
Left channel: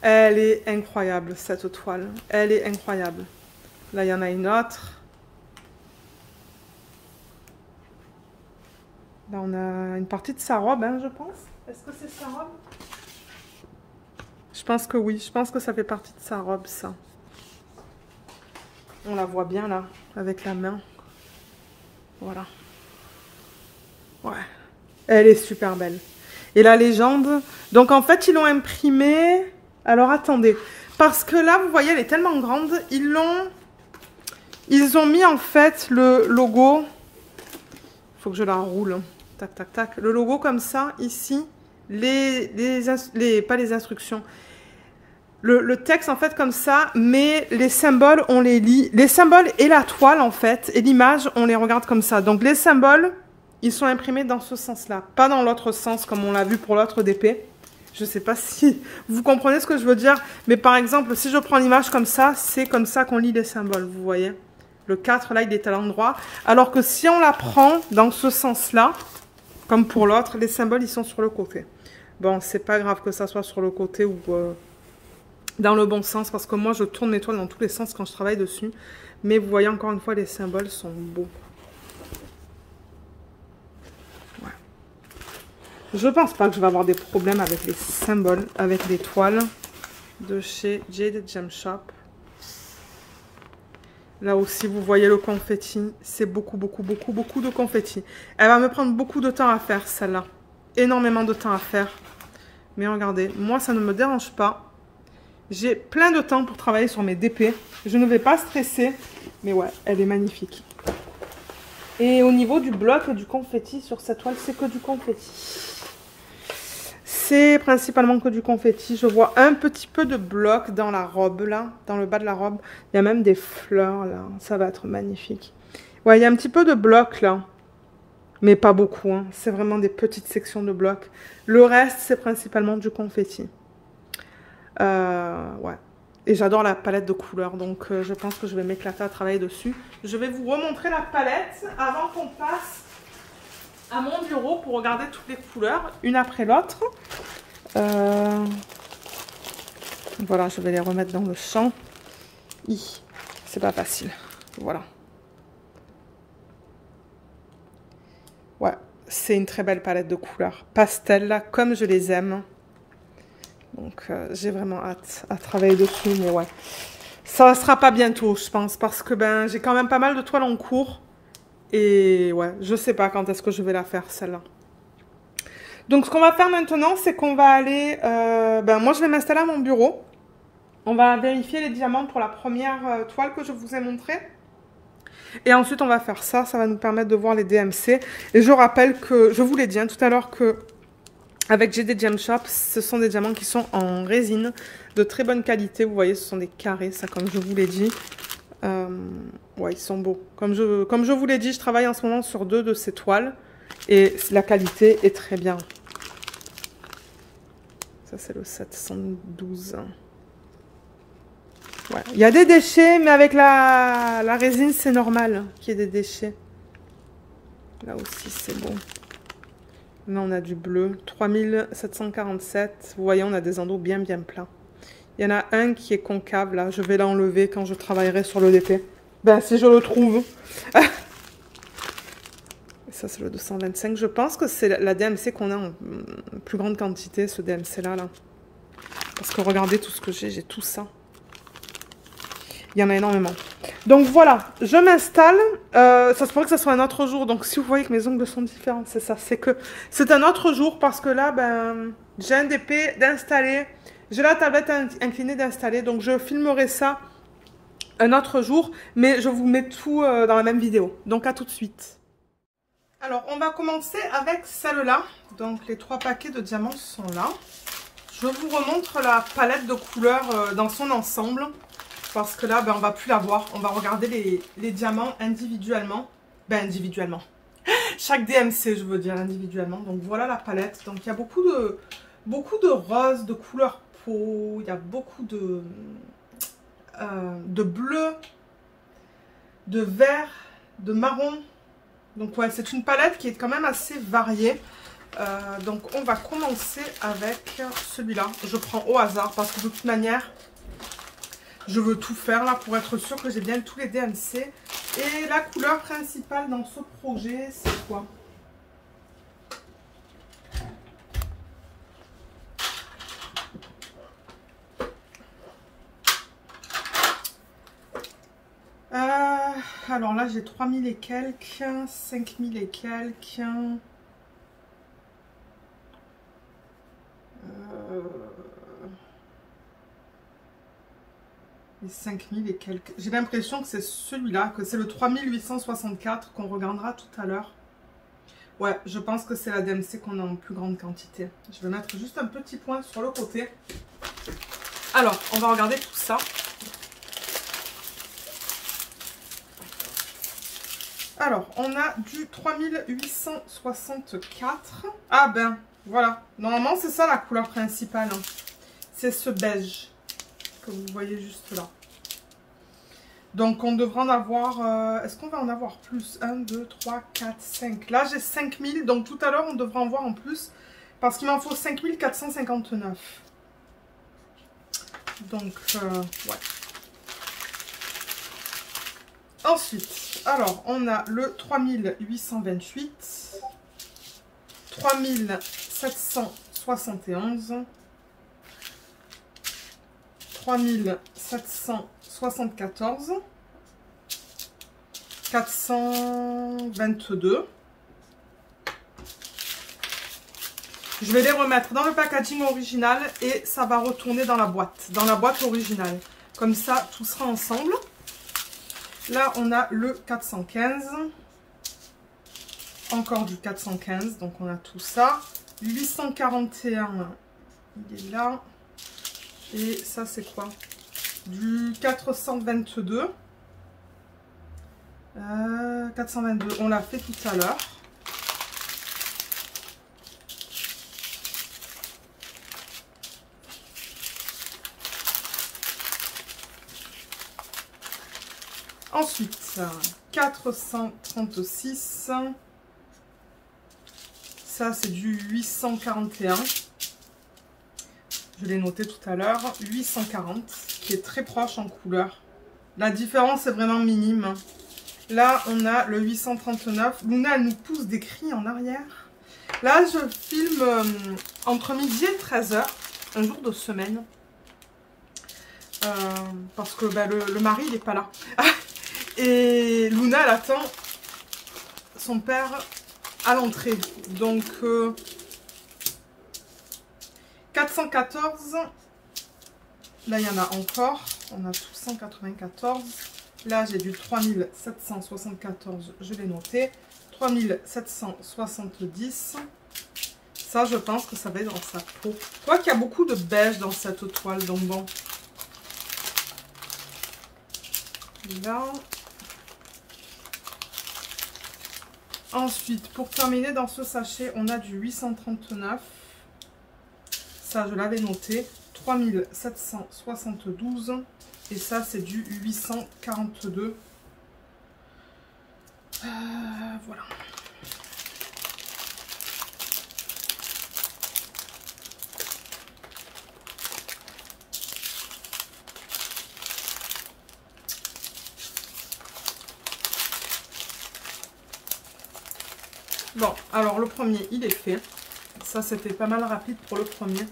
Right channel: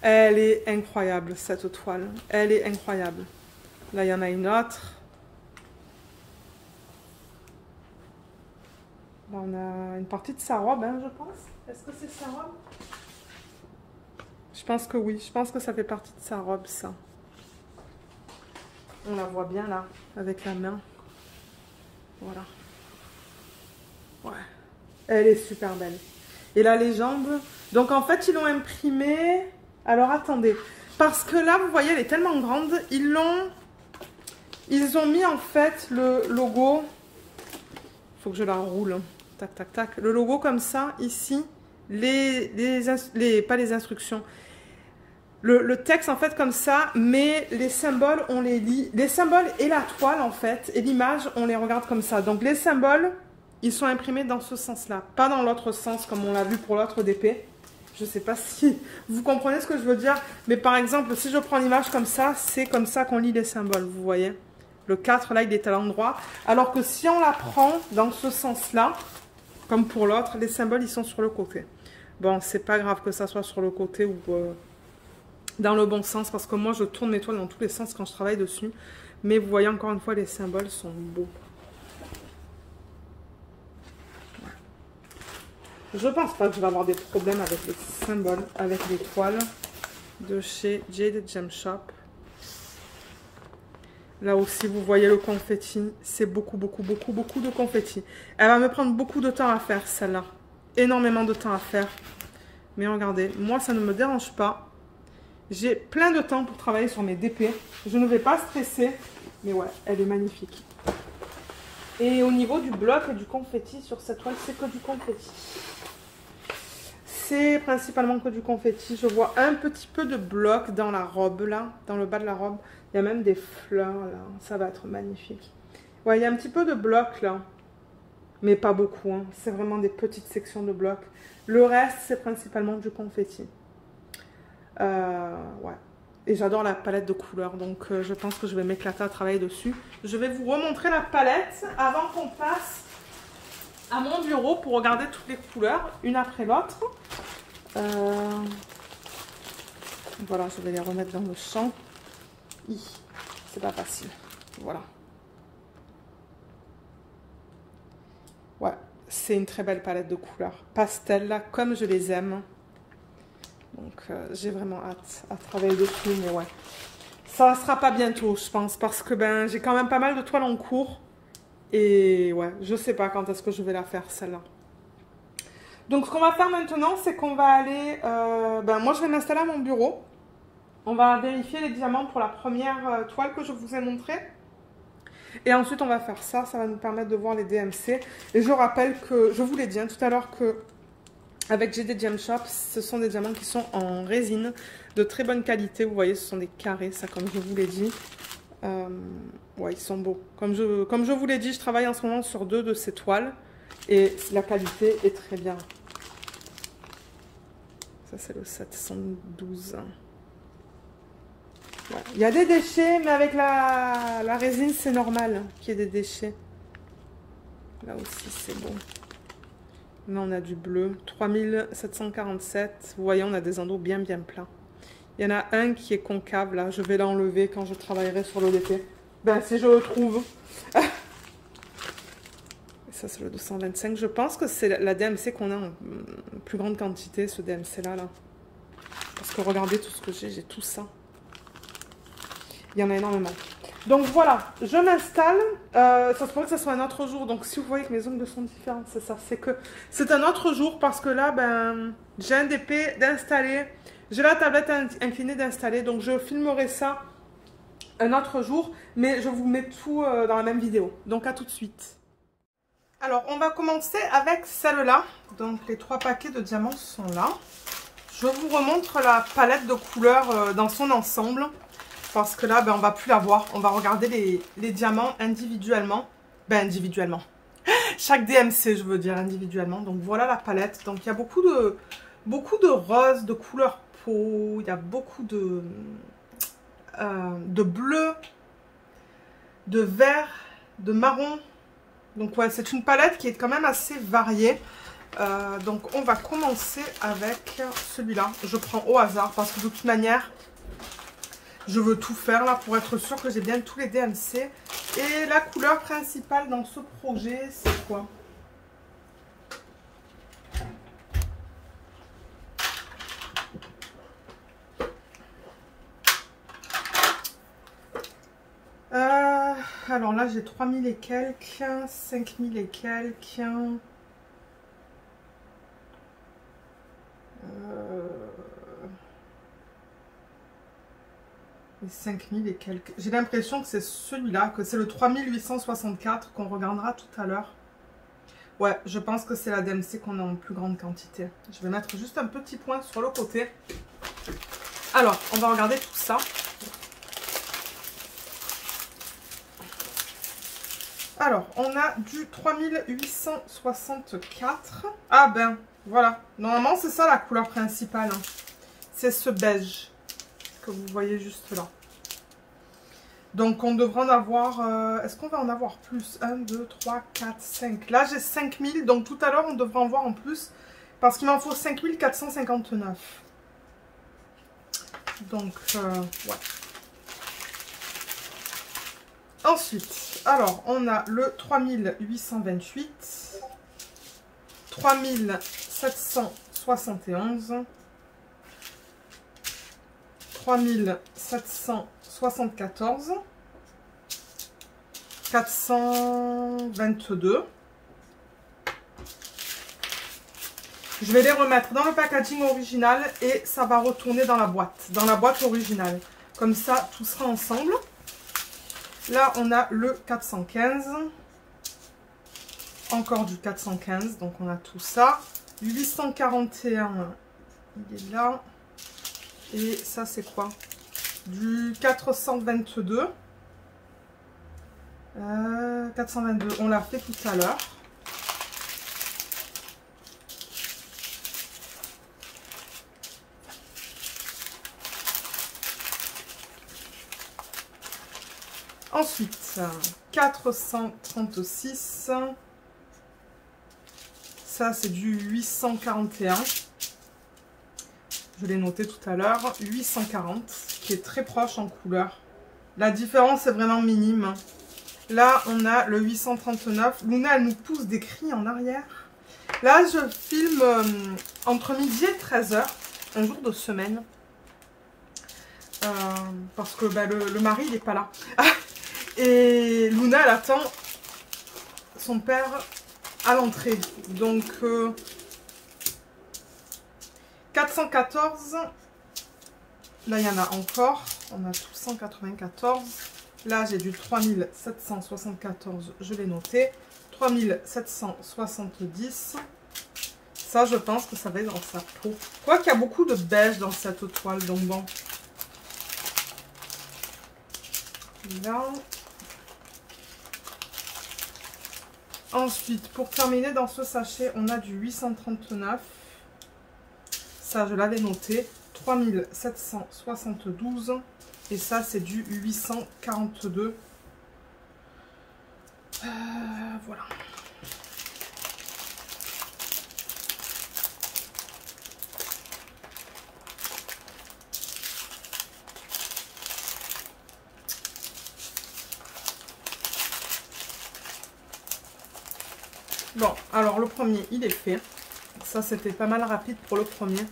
Elle est incroyable cette toile. Elle est incroyable. Là il y en a une autre. Là on a une partie de sa robe, hein, je pense. Est-ce que c'est sa robe? Je pense que oui. Je pense que ça fait partie de sa robe ça. On la voit bien là, avec la main. Voilà. Ouais. Elle est super belle. Et la légende. Donc en fait, ils l'ont imprimée. Alors attendez. Parce que là, vous voyez, elle est tellement grande. Ils ont mis en fait le logo. Il faut que je la roule. Tac, tac, tac. Le logo comme ça, ici. Pas les instructions. Le texte en fait comme ça, mais les symboles, on les lit. Les symboles et la toile en fait, et l'image, on les regarde comme ça. Donc les symboles, ils sont imprimés dans ce sens-là, pas dans l'autre sens comme on l'a vu pour l'autre DP. Je sais pas si vous comprenez ce que je veux dire, mais par exemple, si je prends l'image comme ça, c'est comme ça qu'on lit les symboles, vous voyez. Le 4 là, il est à l'endroit, alors que si on la prend dans ce sens-là, comme pour l'autre, les symboles, ils sont sur le côté. Bon, c'est pas grave que ça soit sur le côté ou... dans le bon sens, parce que moi je tourne mes toiles dans tous les sens quand je travaille dessus. Mais vous voyez encore une fois, les symboles sont beaux. Ouais. Je pense pas que je vais avoir des problèmes avec les symboles, avec les toiles de chez Jade Gem Shop. Là aussi, vous voyez le confetti. C'est beaucoup de confetti. Elle va me prendre beaucoup de temps à faire, celle-là. Énormément de temps à faire. Mais regardez, moi ça ne me dérange pas. J'ai plein de temps pour travailler sur mes DP. Je ne vais pas stresser. Mais ouais, elle est magnifique. Et au niveau du bloc et du confetti sur cette toile, c'est que du confetti. C'est principalement que du confetti. Je vois un petit peu de bloc dans la robe là, dans le bas de la robe. Il y a même des fleurs là. Ça va être magnifique. Ouais, il y a un petit peu de bloc là. Mais pas beaucoup, hein. C'est vraiment des petites sections de blocs. Le reste, c'est principalement du confetti. Ouais. Et j'adore la palette de couleurs, donc je pense que je vais m'éclater à travailler dessus. Je vais vous remontrer la palette avant qu'on passe à mon bureau pour regarder toutes les couleurs, une après l'autre. Voilà, je vais les remettre dans le champ. C'est pas facile. Voilà. Ouais, c'est une très belle palette de couleurs. Pastel, là, comme je les aime. Donc, j'ai vraiment hâte à travailler dessus, mais ouais. Ça ne sera pas bientôt, je pense, parce que ben, j'ai quand même pas mal de toiles en cours. Et ouais, je sais pas quand est-ce que je vais la faire, celle-là. Donc, ce qu'on va faire maintenant, c'est qu'on va aller... ben, moi, je vais m'installer à mon bureau. On va vérifier les diamants pour la première toile que je vous ai montrée. Et ensuite, on va faire ça. Ça va nous permettre de voir les DMC. Et je rappelle que, je vous l'ai dit hein, tout à l'heure, que avec GD Gem Shop, ce sont des diamants qui sont en résine de très bonne qualité. Vous voyez, ce sont des carrés, ça, comme je vous l'ai dit. Ouais, ils sont beaux. Comme je vous l'ai dit, je travaille en ce moment sur 2 de ces toiles. Et la qualité est très bien. Ça, c'est le 712. Ouais. Il y a des déchets, mais avec la résine, c'est normal qu'il y ait des déchets. Là aussi, c'est beau. Là, on a du bleu. 3747. Vous voyez, on a des endos bien plats. Il y en a un qui est concave, là. Je vais l'enlever quand je travaillerai sur le DP. Ben, si je le trouve. Ça, c'est le 225. Je pense que c'est la DMC qu'on a en plus grande quantité, ce DMC-là. Là. Parce que regardez tout ce que j'ai tout ça. Il y en a énormément. Donc voilà, je m'installe. Ça se pourrait que ce soit un autre jour. Donc si vous voyez que mes ongles sont différents, c'est ça. C'est que c'est un autre jour parce que là, ben, j'ai un DP d'installer. J'ai la tablette inclinée d'installer. Donc je filmerai ça un autre jour. Mais je vous mets tout dans la même vidéo. Donc à tout de suite. Alors on va commencer avec celle-là. Donc les 3 paquets de diamants sont là. Je vous remontre la palette de couleurs dans son ensemble. Parce que là, ben, on ne va plus la voir. On va regarder les diamants individuellement. Ben, individuellement. Chaque DMC, je veux dire, individuellement. Donc, voilà la palette. Donc, il y a beaucoup de roses, de couleur peau. Il y a beaucoup de bleu, de vert, de marron. Donc, ouais, c'est une palette qui est quand même assez variée. Donc, on va commencer avec celui-là. Je prends au hasard parce que de toute manière... Je veux tout faire là pour être sûr que j'ai bien tous les DMC. Et la couleur principale dans ce projet, c'est quoi? Alors là, j'ai 3000 et quelques, 5000 et quelques. 5000 et quelques. J'ai l'impression que c'est celui-là, que c'est le 3864 qu'on regardera tout à l'heure. Ouais, je pense que c'est la DMC qu'on a en plus grande quantité. Je vais mettre juste un petit point sur le côté. Alors, on va regarder tout ça. Alors, on a du 3864. Ah ben, voilà. Normalement, c'est ça la couleur principale. Hein. C'est ce beige que vous voyez juste là. Donc, on devrait en avoir... Est-ce qu'on va en avoir plus? 1, 2, 3, 4, 5. Là, j'ai 5000. Donc, tout à l'heure, on devrait en voir en plus. Parce qu'il m'en faut 5459. Donc, ouais. Ensuite, alors, on a le 3828. 3771. 3774, 422. Je vais les remettre dans le packaging original et ça va retourner dans la boîte originale. Comme ça, tout sera ensemble. Là, on a le 415. Encore du 415, donc on a tout ça. 841, il est là. Et ça, c'est quoi? Du 422. 422, on l'a fait tout à l'heure. Ensuite, 436. Ça, c'est du 841. Je l'ai noté tout à l'heure. 840, qui est très proche en couleur. La différence est vraiment minime. Là, on a le 839. Luna, elle nous pousse des cris en arrière. Là, je filme entre midi et 13h, un jour de semaine. Parce que bah, le mari, il n'est pas là. Et Luna, elle attend son père à l'entrée. Donc, 414. Là, il y en a encore. On a tout 194. Là, j'ai du 3774. Je l'ai noté. 3770. Ça, je pense que ça va être dans sa peau. Je crois qu'il y a beaucoup de beige dans cette toile. Donc, bon. Là. Ensuite, pour terminer dans ce sachet, on a du 839. Ça, je l'avais noté. 3772. Et ça, c'est du 842. Voilà. Bon, alors le premier, il est fait. Ça, c'était pas mal rapide pour le premier.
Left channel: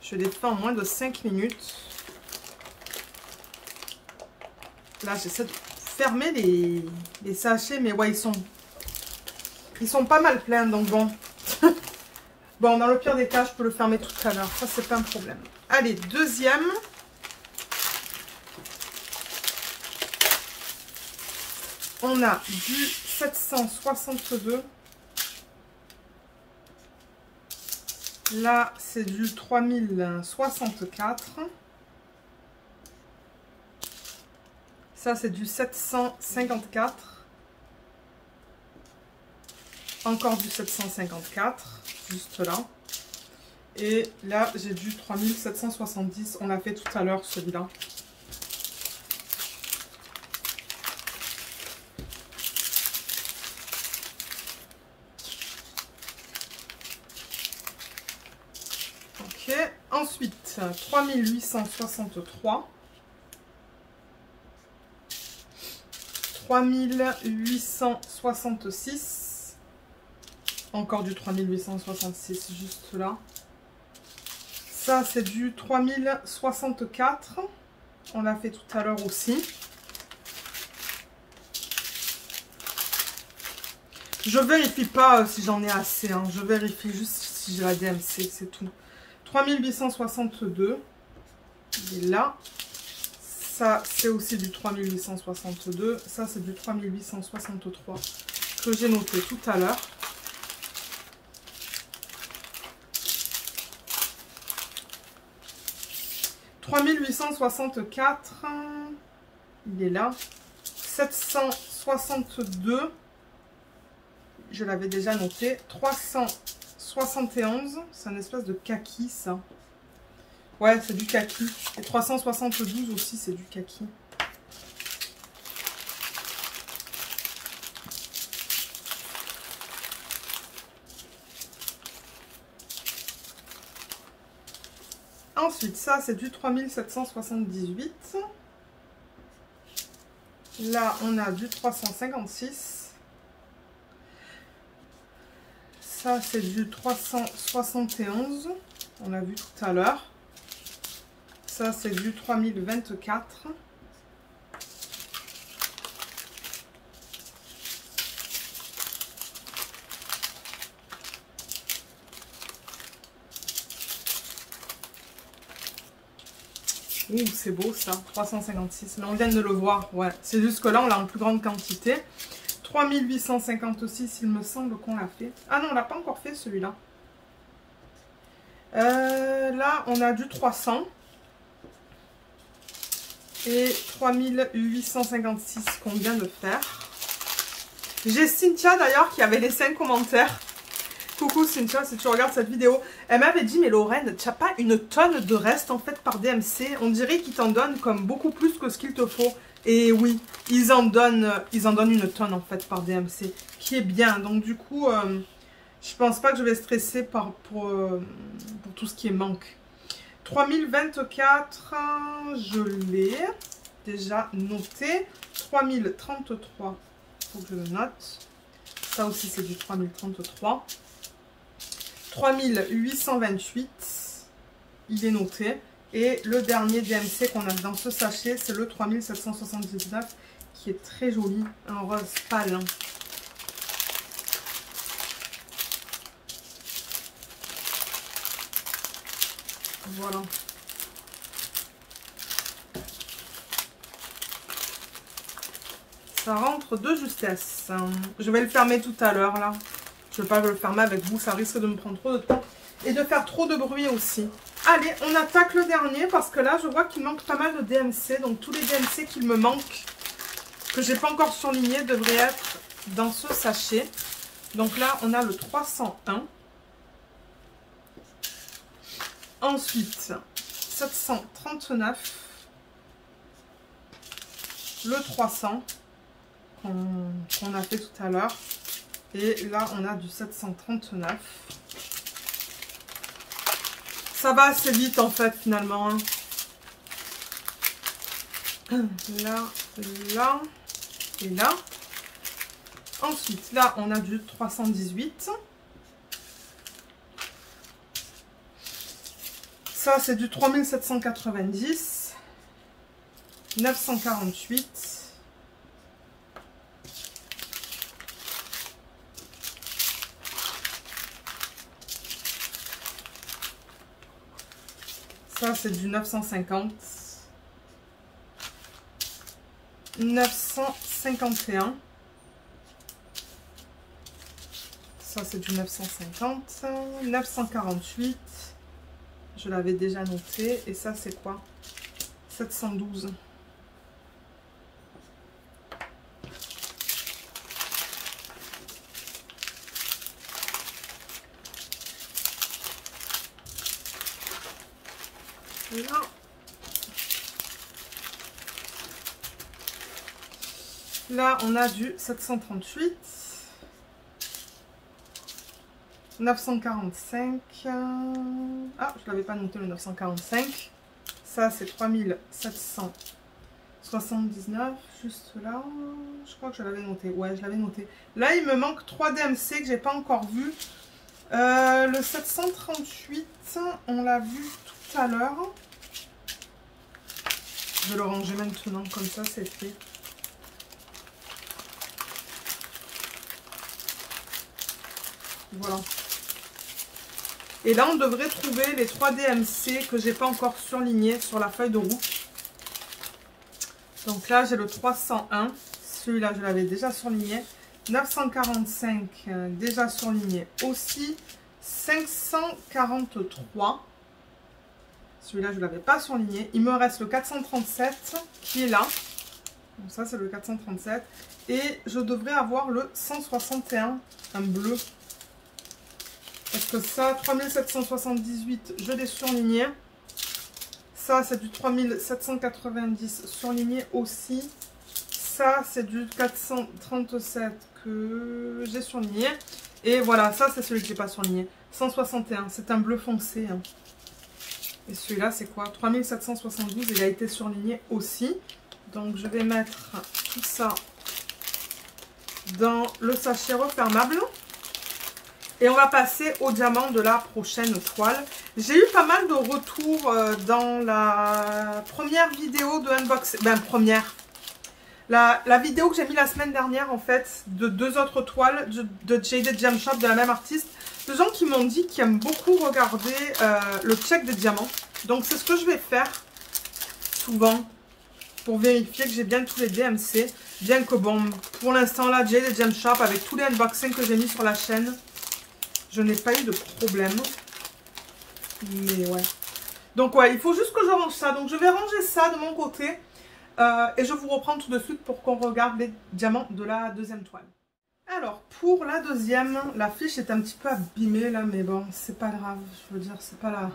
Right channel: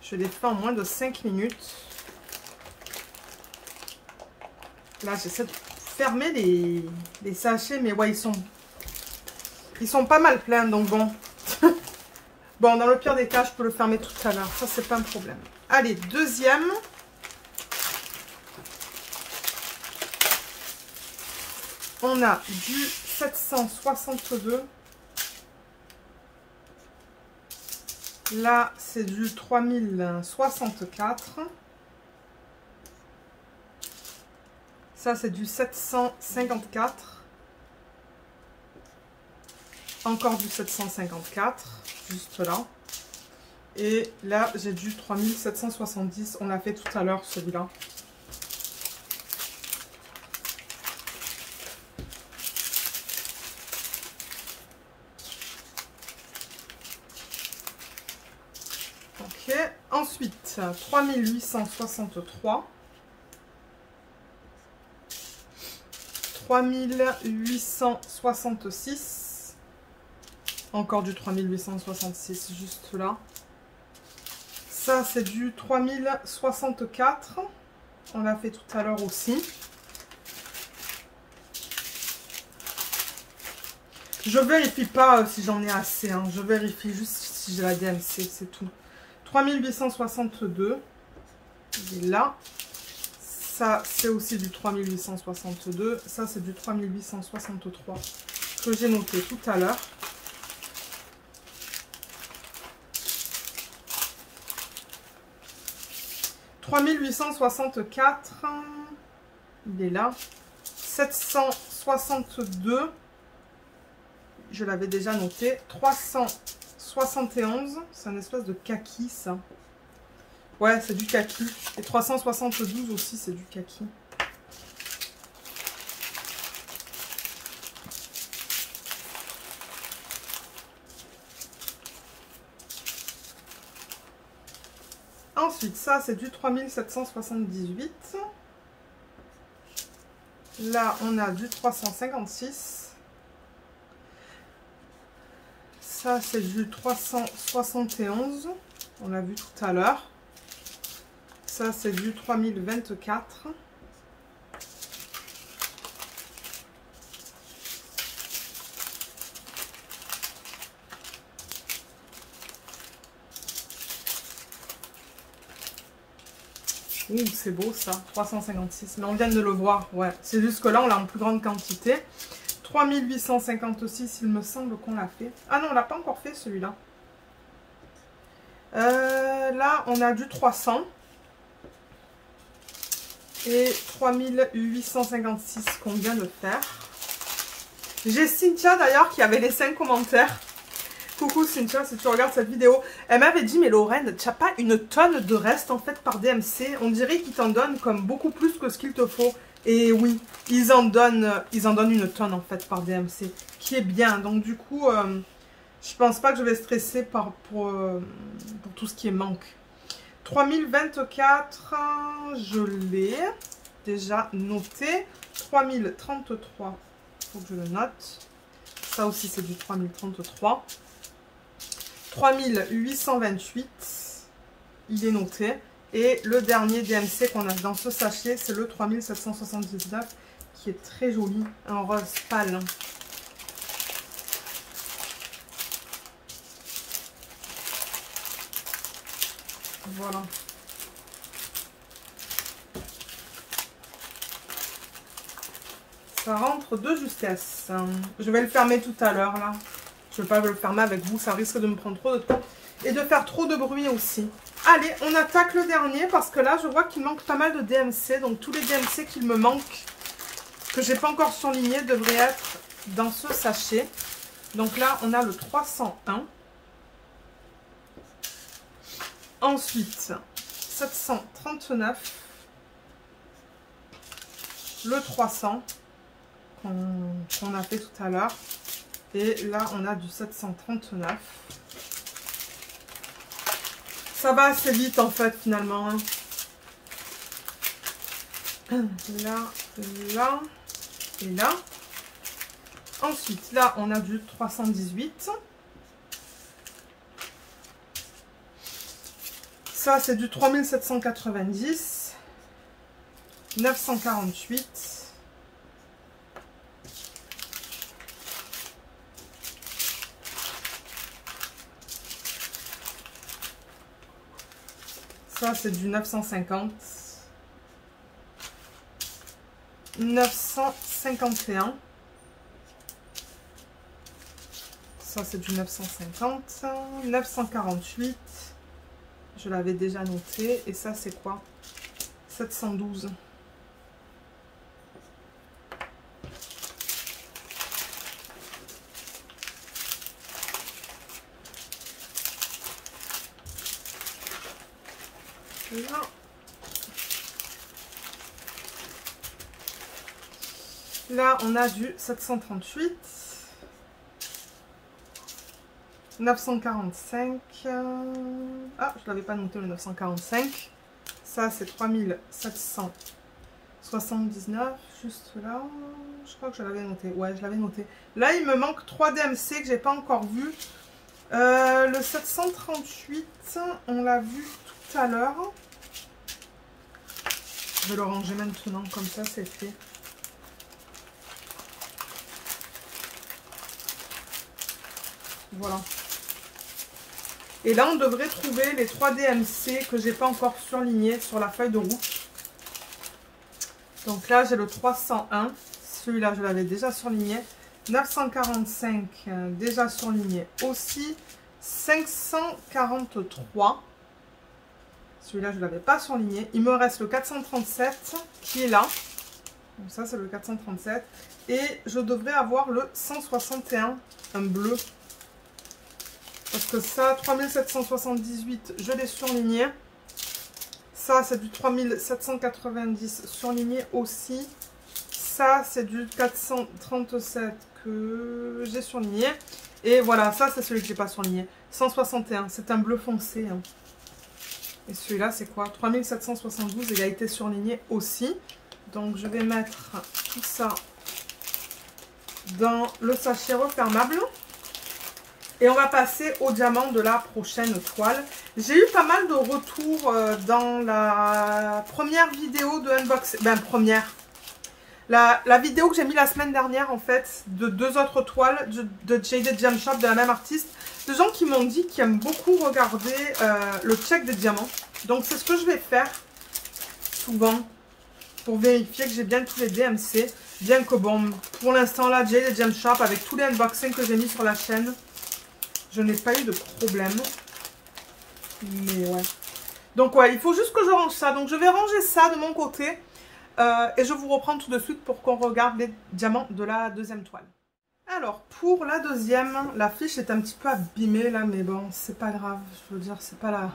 Je l'ai fait en moins de 5 minutes. Là, j'essaie de fermer les sachets, mais ouais, ils sont pas mal pleins, donc bon. Bon, dans le pire des cas, je peux le fermer tout à l'heure. Ça, c'est pas un problème. Allez, deuxième. On a du 762. Là, c'est du 3064. Ça, c'est du 754. Encore du 754, juste là. Et là, j'ai du 3770. On l'a fait tout à l'heure, celui-là. Ok. Ensuite, 3863. 3866. Encore du 3866 juste là. Ça, c'est du 3064. On l'a fait tout à l'heure aussi. Je vérifie pas si j'en ai assez. Hein. Je vérifie juste si j'ai la DMC, c'est tout. 3862. Il est là. Ça, c'est aussi du 3862. Ça, c'est du 3863 que j'ai noté tout à l'heure. « 3864. Il est là. 762. Je l'avais déjà noté. 371. C'est un espèce de kaki, ça. Ouais, c'est du kaki. Et 372 aussi, c'est du kaki. Ensuite, ça, c'est du 3778. Là, on a du 356. Ça, c'est du 371. On l'a vu tout à l'heure. Ça, c'est du 3024. Ouh, c'est beau ça, 356. Mais on vient de le voir, ouais. C'est juste que là, on l'a en plus grande quantité. 3856, il me semble qu'on l'a fait. Ah non, on l'a pas encore fait celui-là. Là, on a du 300. Et 3856 qu'on vient de faire. J'ai Cynthia d'ailleurs qui avait laissé un commentaire. Coucou Cynthia, si tu regardes cette vidéo. Elle m'avait dit, mais Lorraine, tu n'as pas une tonne de reste en fait par DMC? On dirait qu'ils t'en donnent comme beaucoup plus que ce qu'il te faut. Et oui, ils en donnent une tonne en fait par DMC, qui est bien. Donc du coup, je pense pas que je vais stresser pour tout ce qui est manque. 3024, je l'ai déjà noté. 3033, il faut que je le note. Ça aussi, c'est du 3033. 3828, il est noté. Et le dernier DMC qu'on a dans ce sachet, c'est le 3779, qui est très joli, un rose pâle. Voilà. Ça rentre de justesse. Je vais le fermer tout à l'heure, là. Je ne vais pas le fermer avec vous, ça risque de me prendre trop de temps. Et de faire trop de bruit aussi. Allez, on attaque le dernier, parce que là, je vois qu'il manque pas mal de DMC. Donc, tous les DMC qu'il me manque, que j'ai pas encore surligné, devraient être dans ce sachet. Donc là, on a le 301. Ensuite, 739, le 300 qu'on a fait tout à l'heure, et là on a du 739. Ça va assez vite en fait finalement, hein. Là, là et là. Ensuite là on a du 318. Ça, c'est du 3790, 948, ça, c'est du 950, 951, ça, c'est du 950, 948, je l'avais déjà noté. Et ça, c'est quoi? 712. Là. Là, on a du 738. 945. Ah, je l'avais pas noté le 945. Ça, c'est 3779. Juste là. Je crois que je l'avais noté. Ouais, je l'avais noté. Là, il me manque 3 DMC que j'ai pas encore vu. Le 738, on l'a vu tout à l'heure. Je vais le ranger maintenant, comme ça, c'est fait. Voilà. Et là, on devrait trouver les 3 DMC que j'ai pas encore surlignés sur la feuille de route. Donc là, j'ai le 301. Celui-là, je l'avais déjà surligné. 945, déjà surligné aussi. 543. Celui-là, je ne l'avais pas surligné. Il me reste le 437 qui est là. Donc ça, c'est le 437. Et je devrais avoir le 161, un bleu. Parce que ça, 3778, je l'ai surligné. Ça, c'est du 3790 surligné aussi. Ça, c'est du 437 que j'ai surligné. Et voilà, ça, c'est celui que j'ai pas surligné. 161, c'est un bleu foncé. Hein. Et celui-là, c'est quoi? 3772, il a été surligné aussi. Donc, je vais mettre tout ça dans le sachet refermable. Et on va passer au diamant de la prochaine toile. J'ai eu pas mal de retours dans la première vidéo de unboxing. Ben, première. La vidéo que j'ai mis la semaine dernière, en fait, de 2 autres toiles de Jaded Gem Shop de la même artiste. De gens qui m'ont dit qu'ils aiment beaucoup regarder le check des diamants. Donc, c'est ce que je vais faire. souvent pour vérifier que j'ai bien tous les DMC. Bien que bon, pour l'instant là, j'ai les Gem Shop avec tous les unboxings que j'ai mis sur la chaîne. Je n'ai pas eu de problème. Mais ouais. Donc ouais, il faut juste que je range ça. Donc je vais ranger ça de mon côté. Et je vous reprends tout de suite pour qu'on regarde les diamants de la deuxième toile. Alors, pour la deuxième, la fiche est un petit peu abîmée là, mais bon, c'est pas grave. Je veux dire, c'est pas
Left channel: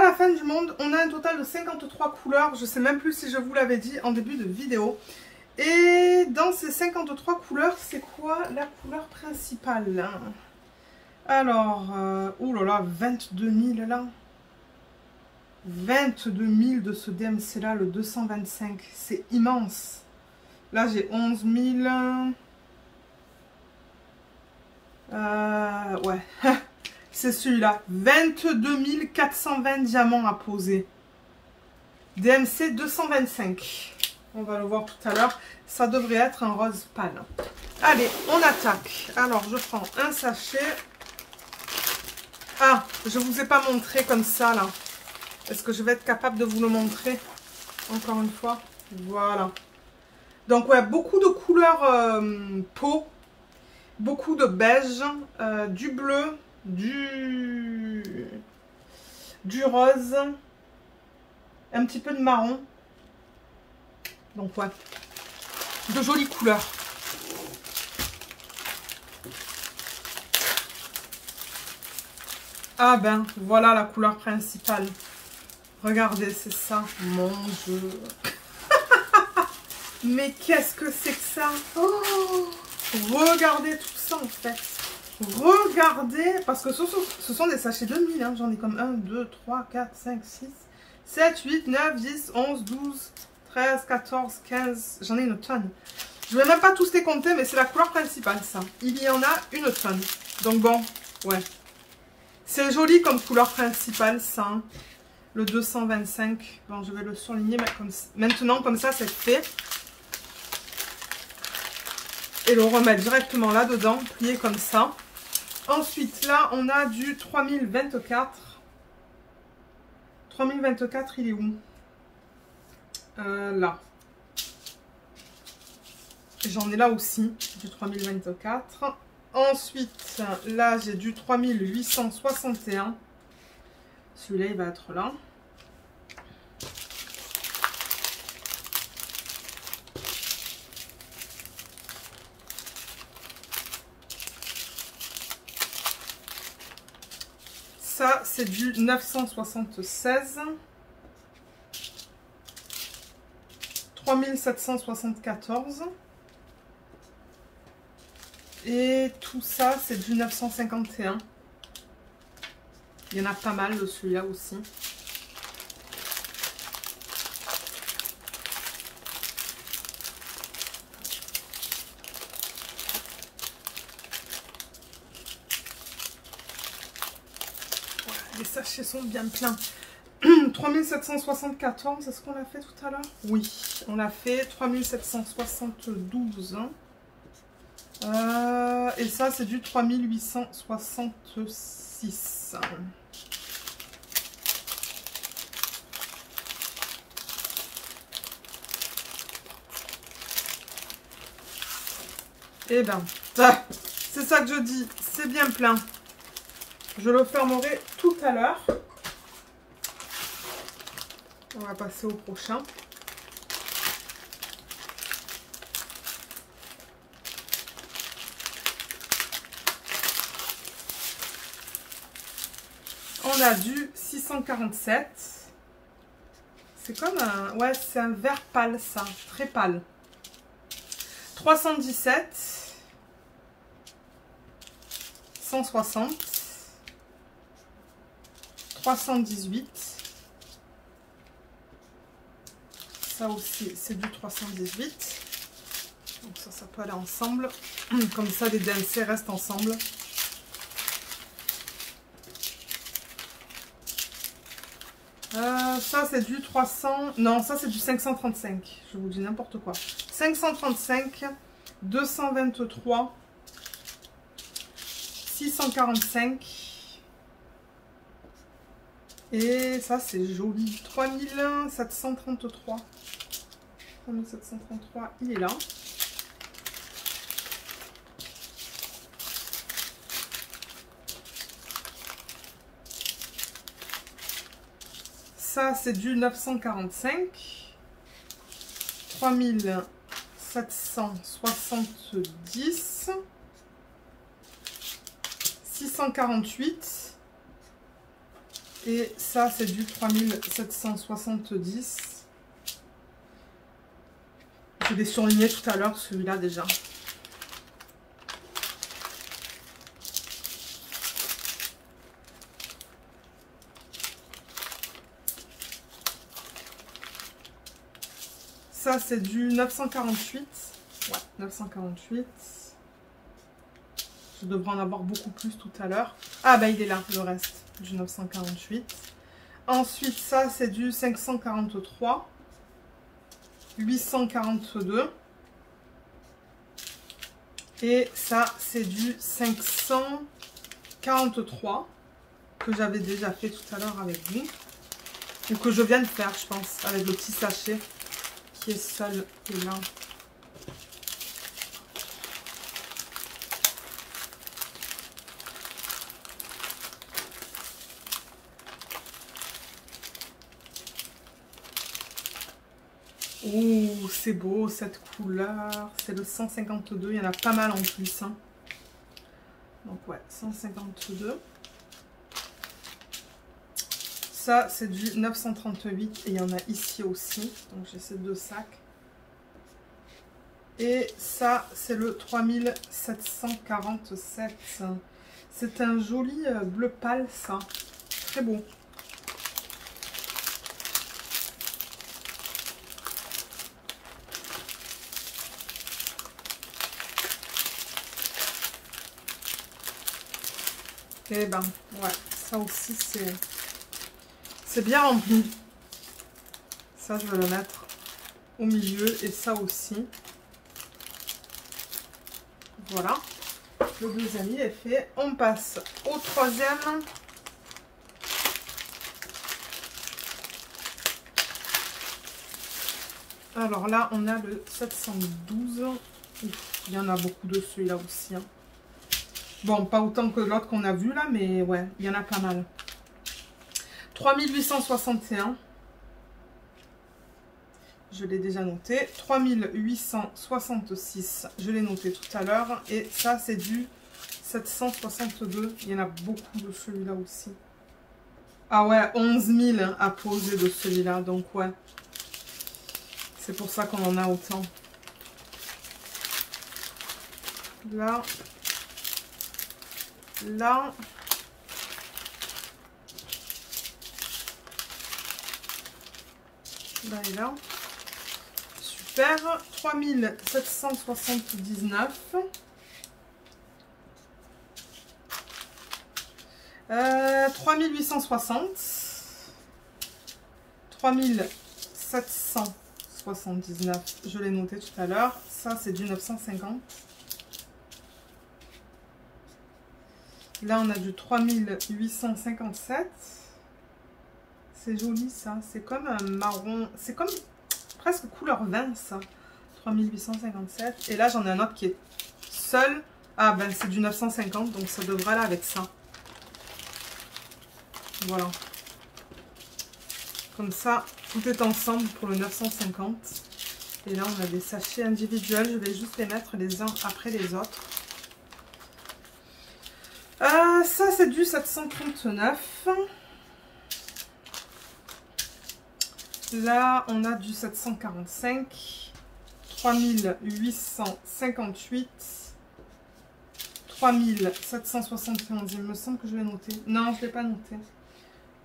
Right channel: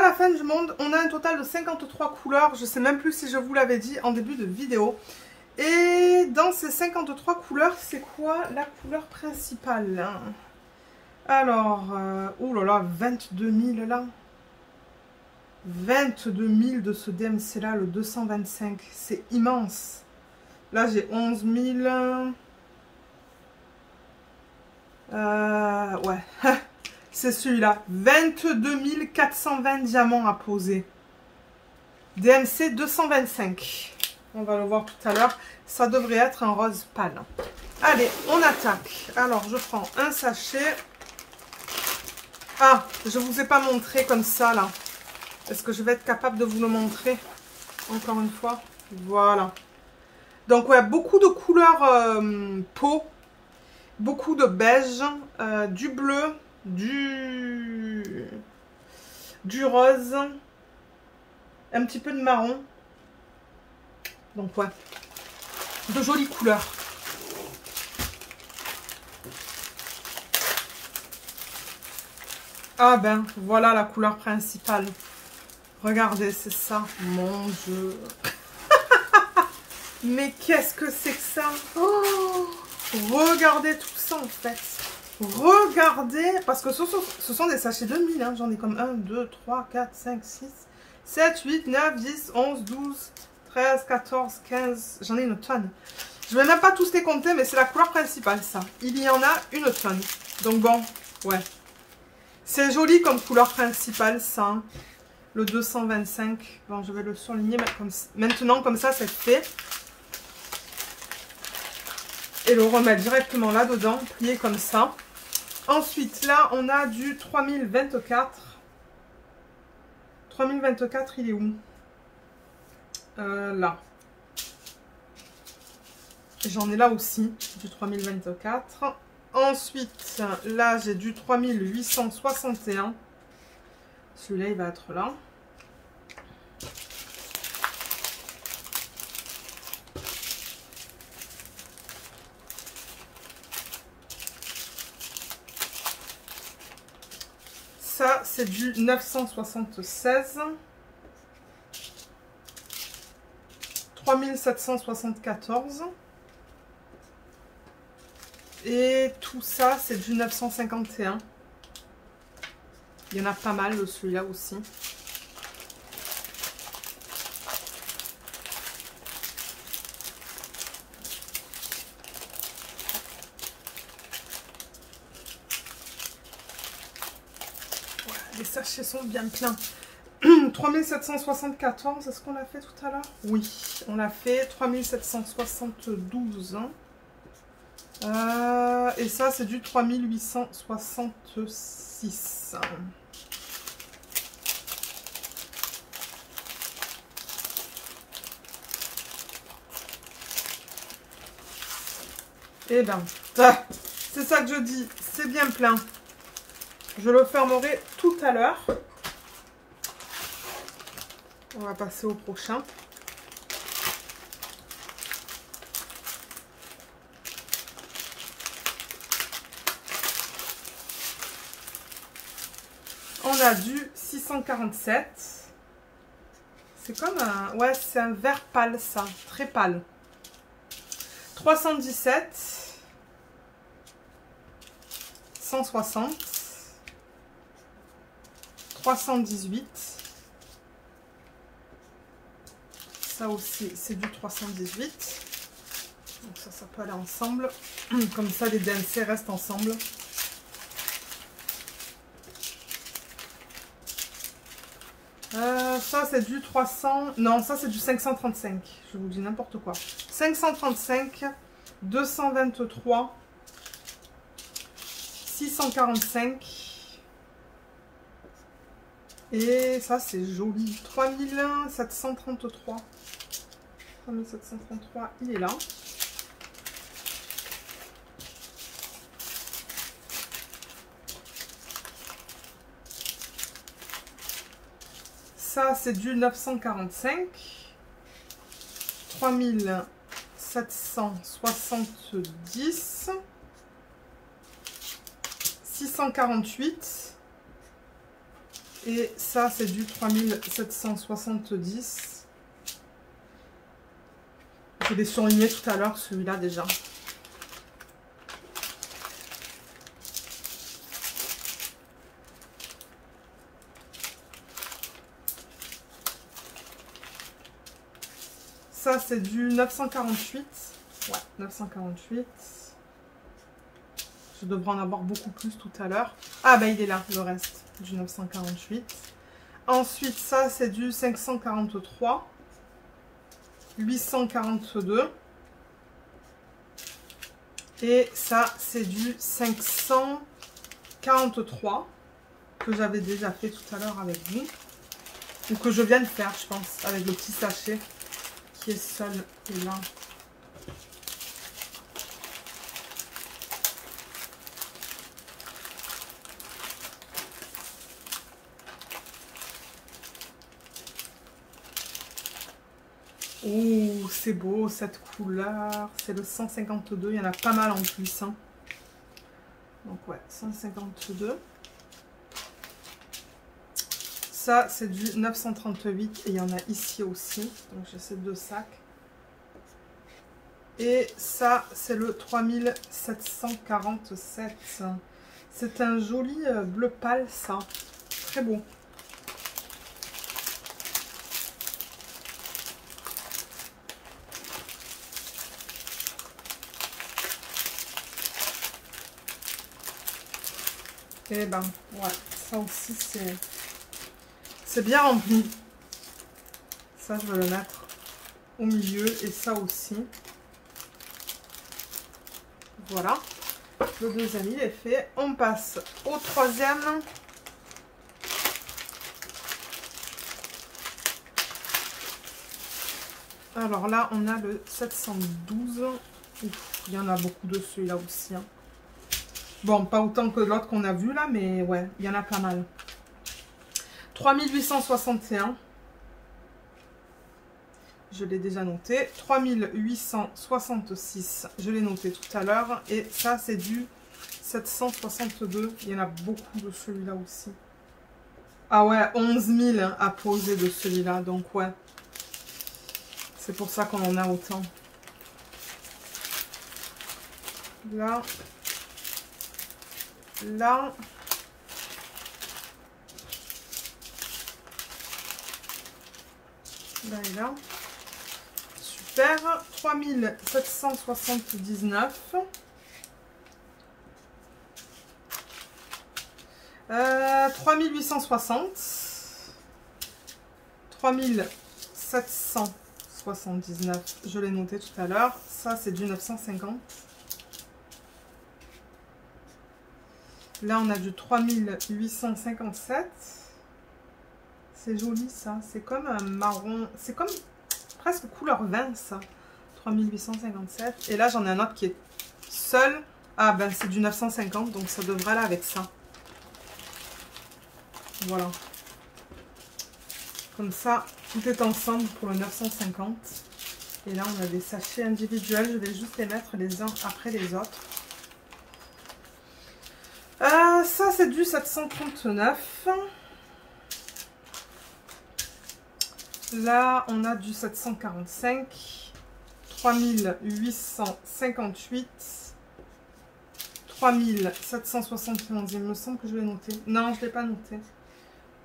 la fin du monde. On a un total de 53 couleurs. Je sais même plus si je vous l'avais dit en début de vidéo. Et dans ces 53 couleurs, c'est quoi la couleur principale? Alors, oulala, 22 000 là. 22 000 de ce DMC là, le 225. C'est immense. Là, j'ai 11 000. Ouais, c'est celui-là. 22 420 diamants à poser. DMC 225. On va le voir tout à l'heure. Ça devrait être un rose pâle. Allez, on attaque. Alors, je prends un sachet. Ah, je ne vous ai pas montré comme ça, là. Est-ce que je vais être capable de vous le montrer? Encore une fois. Voilà. Donc, ouais, beaucoup de couleurs peau. Beaucoup de beige, du bleu, du rose, un petit peu de marron. Donc ouais, de jolies couleurs. Ah ben, voilà la couleur principale. Regardez, c'est ça. Mon Dieu. Mais qu'est-ce que c'est que ça? Oh, regardez tout ça en fait. Regardez, parce que ce sont des sachets de 1000. Hein. J'en ai comme 1, 2, 3, 4, 5, 6, 7, 8, 9, 10, 11, 12, 13, 14, 15. J'en ai une tonne. Je ne vais même pas tous les compter, mais c'est la couleur principale ça. Il y en a une tonne. Donc bon, ouais. C'est joli comme couleur principale ça. Hein. Le 225. Bon, je vais le surligner maintenant, comme ça, c'est fait. Et le remettre directement là-dedans, plié comme ça. Ensuite, là, on a du 3024. 3024, il est où? Là. J'en ai là aussi, du 3024. Ensuite, là, j'ai du 3861. Celui-là, il va être là. Ça, c'est du 976. 3774. Et tout ça, c'est du 951. Il y en a pas mal de celui-là aussi. Voilà, les sachets sont bien pleins. 3774, est-ce qu'on l'a fait tout à l'heure? Oui, on l'a fait. 3772. Hein. Et ça, c'est du 3866. Eh ben, c'est ça que je dis, c'est bien plein. Je le fermerai tout à l'heure. On va passer au prochain. On a du 647. C'est comme un... Ouais, c'est un vert pâle, ça. Très pâle. 317. 160. 318. Ça aussi, c'est du 318. Donc ça peut aller ensemble. Comme ça, les DMC restent ensemble. Ça, c'est du 300... Non, ça, c'est du 535. Je vous dis n'importe quoi. 535, 223, 645, Et ça, c'est joli. 3733. 3733, il est là. Ça, c'est du 945. 3770. 648. Et ça, c'est du 3770. Je l'ai surligné tout à l'heure, celui-là déjà. Ça, c'est du 948. Ouais, 948. Je devrais en avoir beaucoup plus tout à l'heure. Ah, bah, il est là, le reste, du 948. Ensuite, ça, c'est du 543. 842. Et ça, c'est du 543 que j'avais déjà fait tout à l'heure avec vous. Ou que je viens de faire, je pense, avec le petit sachet qui est seul et là. Oh, c'est beau cette couleur. C'est le 152. Il y en a pas mal en plus. Hein. Donc ouais, 152. Ça, c'est du 938. Et il y en a ici aussi. Donc j'ai ces deux sacs. Et ça, c'est le 3747. C'est un joli bleu pâle, ça. Très beau. Et ben, ouais, ça aussi, c'est bien rempli. Ça, je vais le mettre au milieu. Et ça aussi. Voilà. Le deuxième, il est fait. On passe au troisième. Alors là, on a le 712. Ouf, il y en a beaucoup de celui-là aussi. Hein. Bon, pas autant que l'autre qu'on a vu là, mais ouais, il y en a pas mal. 3861. Je l'ai déjà noté. 3866. Je l'ai noté tout à l'heure. Et ça, c'est du 762. Il y en a beaucoup de celui-là aussi. Ah ouais, 11 000 à poser de celui-là. Donc ouais. C'est pour ça qu'on en a autant. Là. Là. Là et là. Super. 3779. 3860. 3779. Je l'ai noté tout à l'heure. Ça, c'est du 950. Là, on a du 3857. C'est joli, ça. C'est comme un marron. C'est comme presque couleur vin, ça. 3857. Et là, j'en ai un autre qui est seul. Ah, ben, c'est du 950. Donc, ça devrait aller avec ça. Voilà. Comme ça, tout est ensemble pour le 950. Et là, on a des sachets individuels. Je vais juste les mettre les uns après les autres. Ça, c'est du 739. Là, on a du 745. 3858. 3771. Il me semble que je l'ai noté. Non, je ne l'ai pas noté.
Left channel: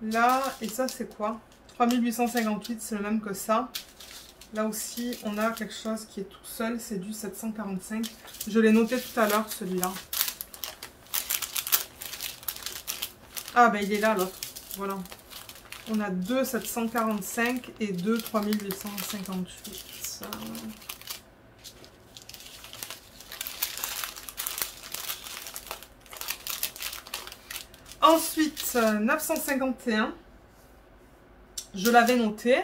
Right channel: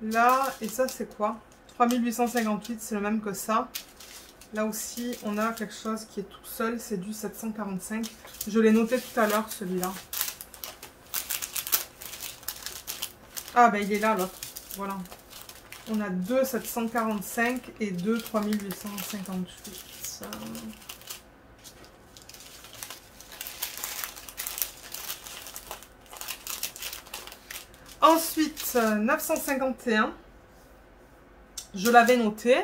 Là, et ça, c'est quoi? 3858, c'est le même que ça. Là aussi, on a quelque chose qui est tout seul. C'est du 745. Je l'ai noté tout à l'heure, celui-là. Ah, ben il est là, l'autre. Voilà. On a deux 745 et deux 3858. Ensuite, 951. je l'avais noté.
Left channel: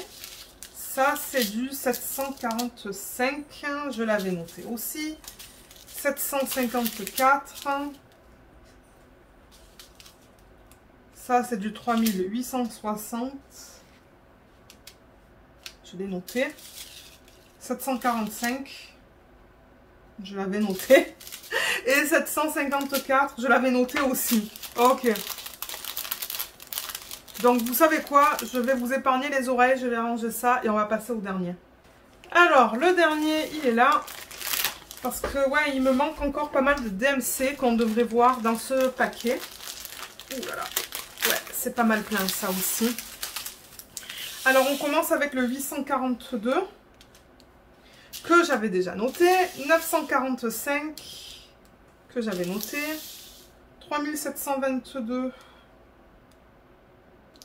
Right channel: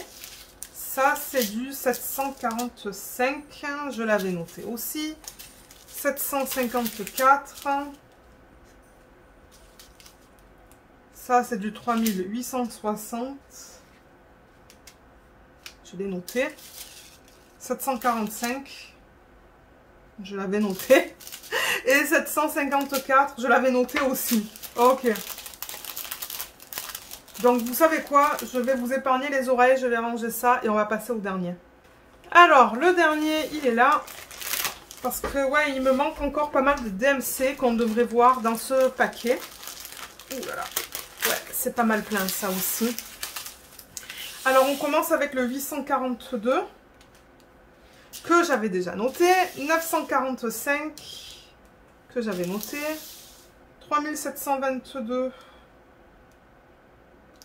Ça, c'est du 745, je l'avais noté aussi. 754. Ça, c'est du 3860. Je l'ai noté. 745. Je l'avais noté. Et 754, je l'avais noté aussi. Ok. Donc, vous savez quoi? Je vais vous épargner les oreilles. Je vais ranger ça et on va passer au dernier. Alors, le dernier, il est là. Parce que, ouais, il me manque encore pas mal de DMC qu'on devrait voir dans ce paquet. Ouh là là. Ouais, c'est pas mal plein, ça aussi. Alors, on commence avec le 842. Que j'avais déjà noté. 945. Que j'avais noté. 3722.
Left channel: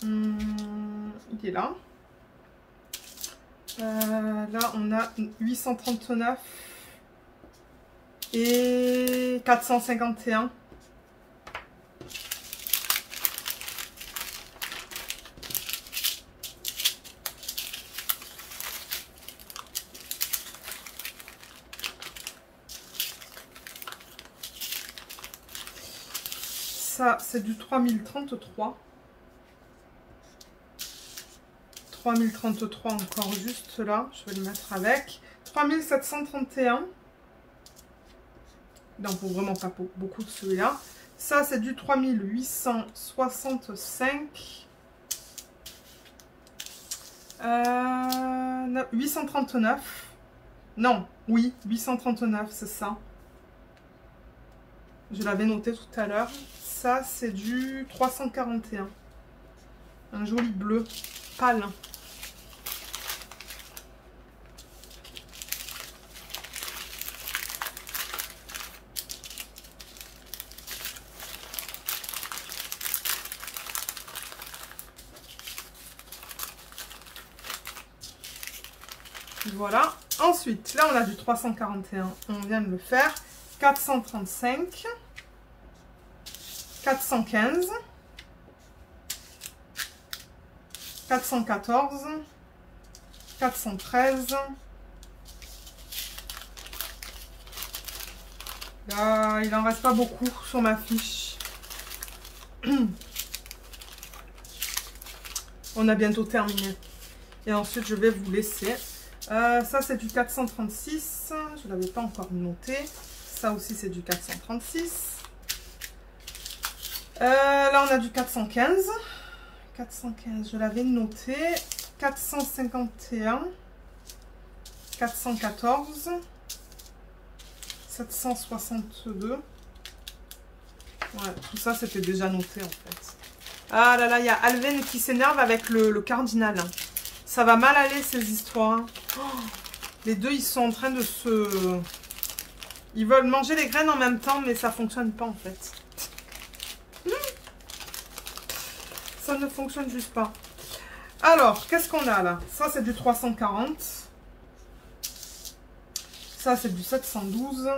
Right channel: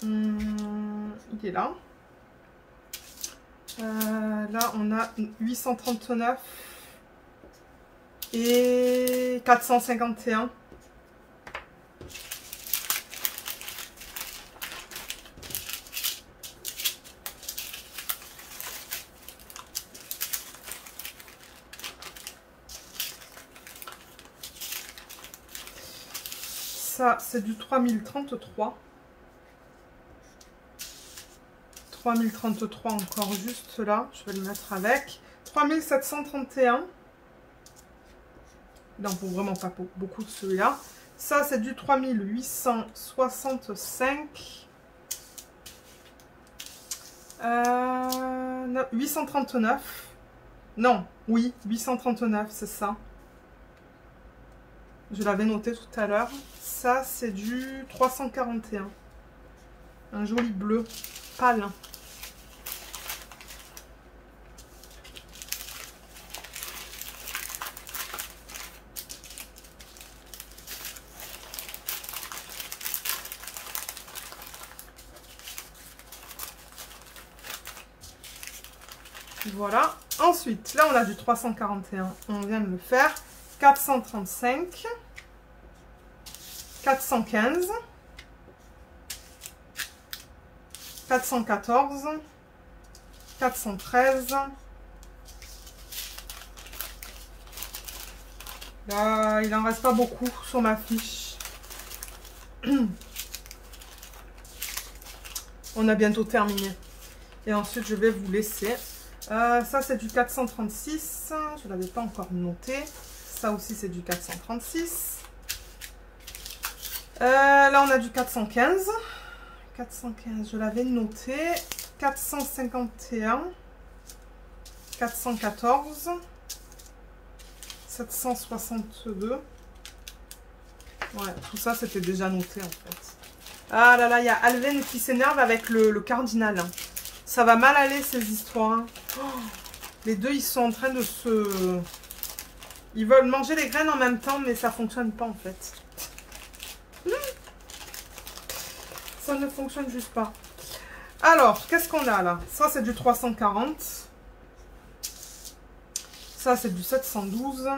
Il est là. Là, on a 839. Et 451. Ça, c'est du 3033. 3033 encore juste là. Je vais le mettre avec. 3731. Il n'en faut vraiment pas beaucoup de celui-là. Ça, c'est du 3865. 839. Non, oui, 839, c'est ça. Je l'avais noté tout à l'heure. Ça, c'est du 341. Un joli bleu pâle. Voilà. Ensuite, là, on a du 341. On vient de le faire. 435. 415. 414. 413. Là, il en reste pas beaucoup sur ma fiche. On a bientôt terminé. Et ensuite, je vais vous laisser. Ça, c'est du 436. Je ne l'avais pas encore noté. Ça aussi, c'est du 436. Là, on a du 415. 415, je l'avais noté. 451. 414. 762. Ouais, tout ça, c'était déjà noté, en fait. Ah là là, il y a Alven qui s'énerve avec le cardinal. Ça va mal aller, ces histoires. Oh, les deux, ils sont en train de se... Ils veulent manger les graines en même temps, mais ça fonctionne pas, en fait. Ça ne fonctionne juste pas. Alors, qu'est-ce qu'on a là? Ça, c'est du 340. Ça, c'est du 712.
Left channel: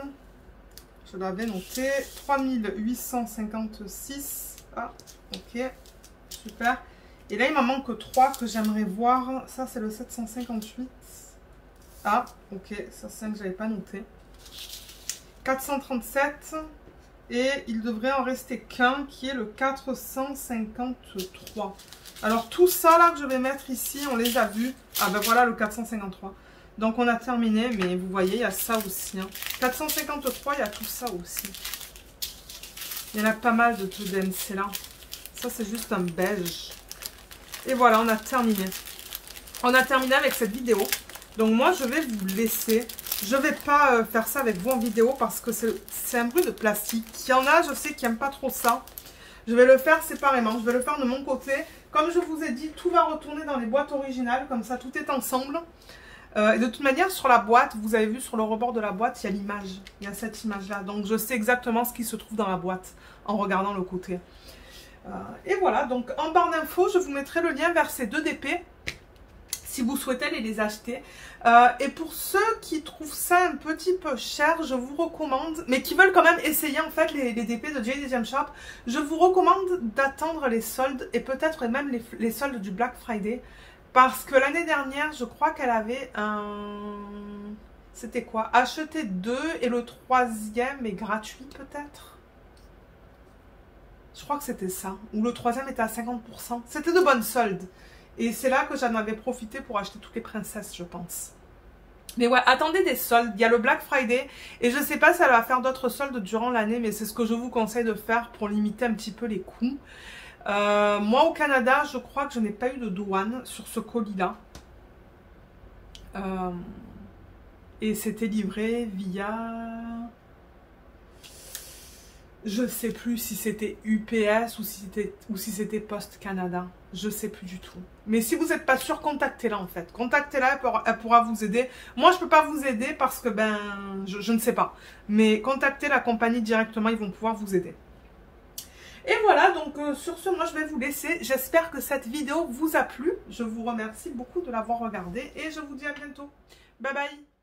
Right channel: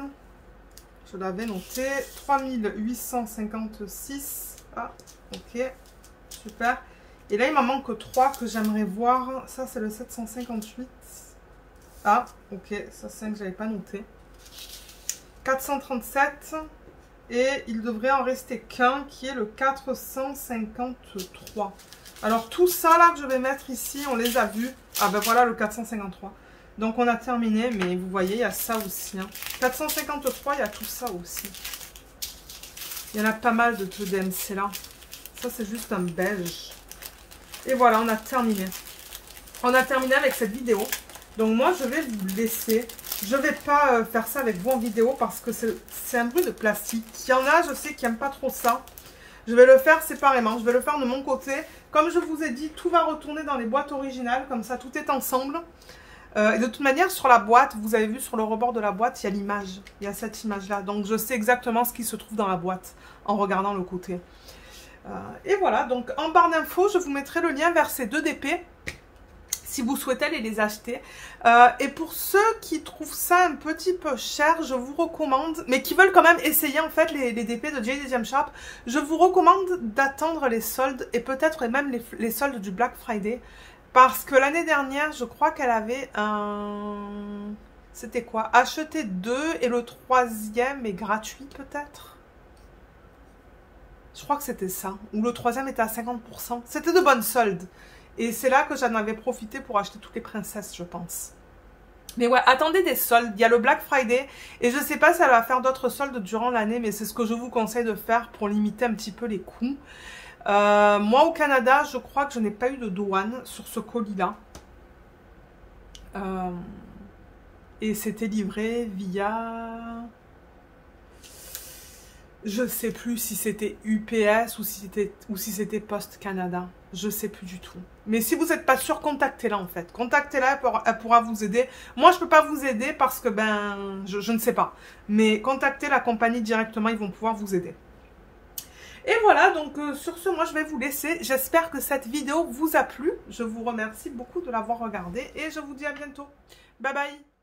Je l'avais noté. 3856. Ah, ok. Super. Et là, il m'en manque 3 que j'aimerais voir. Ça, c'est le 758. Ah, ok. Ça, c'est un que je n'avais pas noté. 437. Et il devrait en rester qu'un qui est le 453. Alors, tout ça là que je vais mettre ici, on les a vus. Ah ben voilà le 453. Donc, on a terminé. Mais vous voyez, il y a ça aussi. Hein. 453, il y a tout ça aussi. Il y en a pas mal de DMC là. Ça, c'est juste un beige. Et voilà, on a terminé. On a terminé avec cette vidéo. Donc moi, je vais vous laisser. Je ne vais pas faire ça avec vous en vidéo parce que c'est un bruit de plastique. Il y en a, je sais, qui n'aiment pas trop ça. Je vais le faire séparément. Je vais le faire de mon côté. Comme je vous ai dit, tout va retourner dans les boîtes originales. Comme ça, tout est ensemble. Et de toute manière, sur la boîte, vous avez vu sur le rebord de la boîte, il y a l'image. Il y a cette image-là. Donc, je sais exactement ce qui se trouve dans la boîte en regardant le côté. Et voilà, donc en barre d'infos, je vous mettrai le lien vers ces 2 DP si vous souhaitez aller les acheter. Et pour ceux qui trouvent ça un petit peu cher, je vous recommande, mais qui veulent quand même essayer en fait les DP de JD Gem Shop, je vous recommande d'attendre les soldes et peut-être même les soldes du Black Friday. Parce que l'année dernière, je crois qu'elle avait un... C'était quoi? Acheter 2 et le 3e est gratuit peut-être? Je crois que c'était ça. Ou le 3e était à 50%. C'était de bonnes soldes. Et c'est là que j'en avais profité pour acheter toutes les princesses, je pense. Mais ouais, attendez des soldes. Il y a le Black Friday. Et je ne sais pas si elle va faire d'autres soldes durant l'année. Mais c'est ce que je vous conseille de faire pour limiter un petit peu les coûts. Moi, au Canada, je crois que je n'ai pas eu de douane sur ce colis-là. Et c'était livré via... Je sais plus si c'était UPS ou si c'était Post Canada. Je sais plus du tout. Mais si vous n'êtes pas sûr, contactez-la en fait. Contactez-la, elle pourra vous aider. Moi, je ne peux pas vous aider parce que je ne sais pas. Mais contactez la compagnie directement, ils vont pouvoir vous aider. Et voilà, donc sur ce, moi je vais vous laisser. J'espère que cette vidéo vous a plu. Je vous remercie beaucoup de l'avoir regardée et je vous dis à bientôt. Bye bye.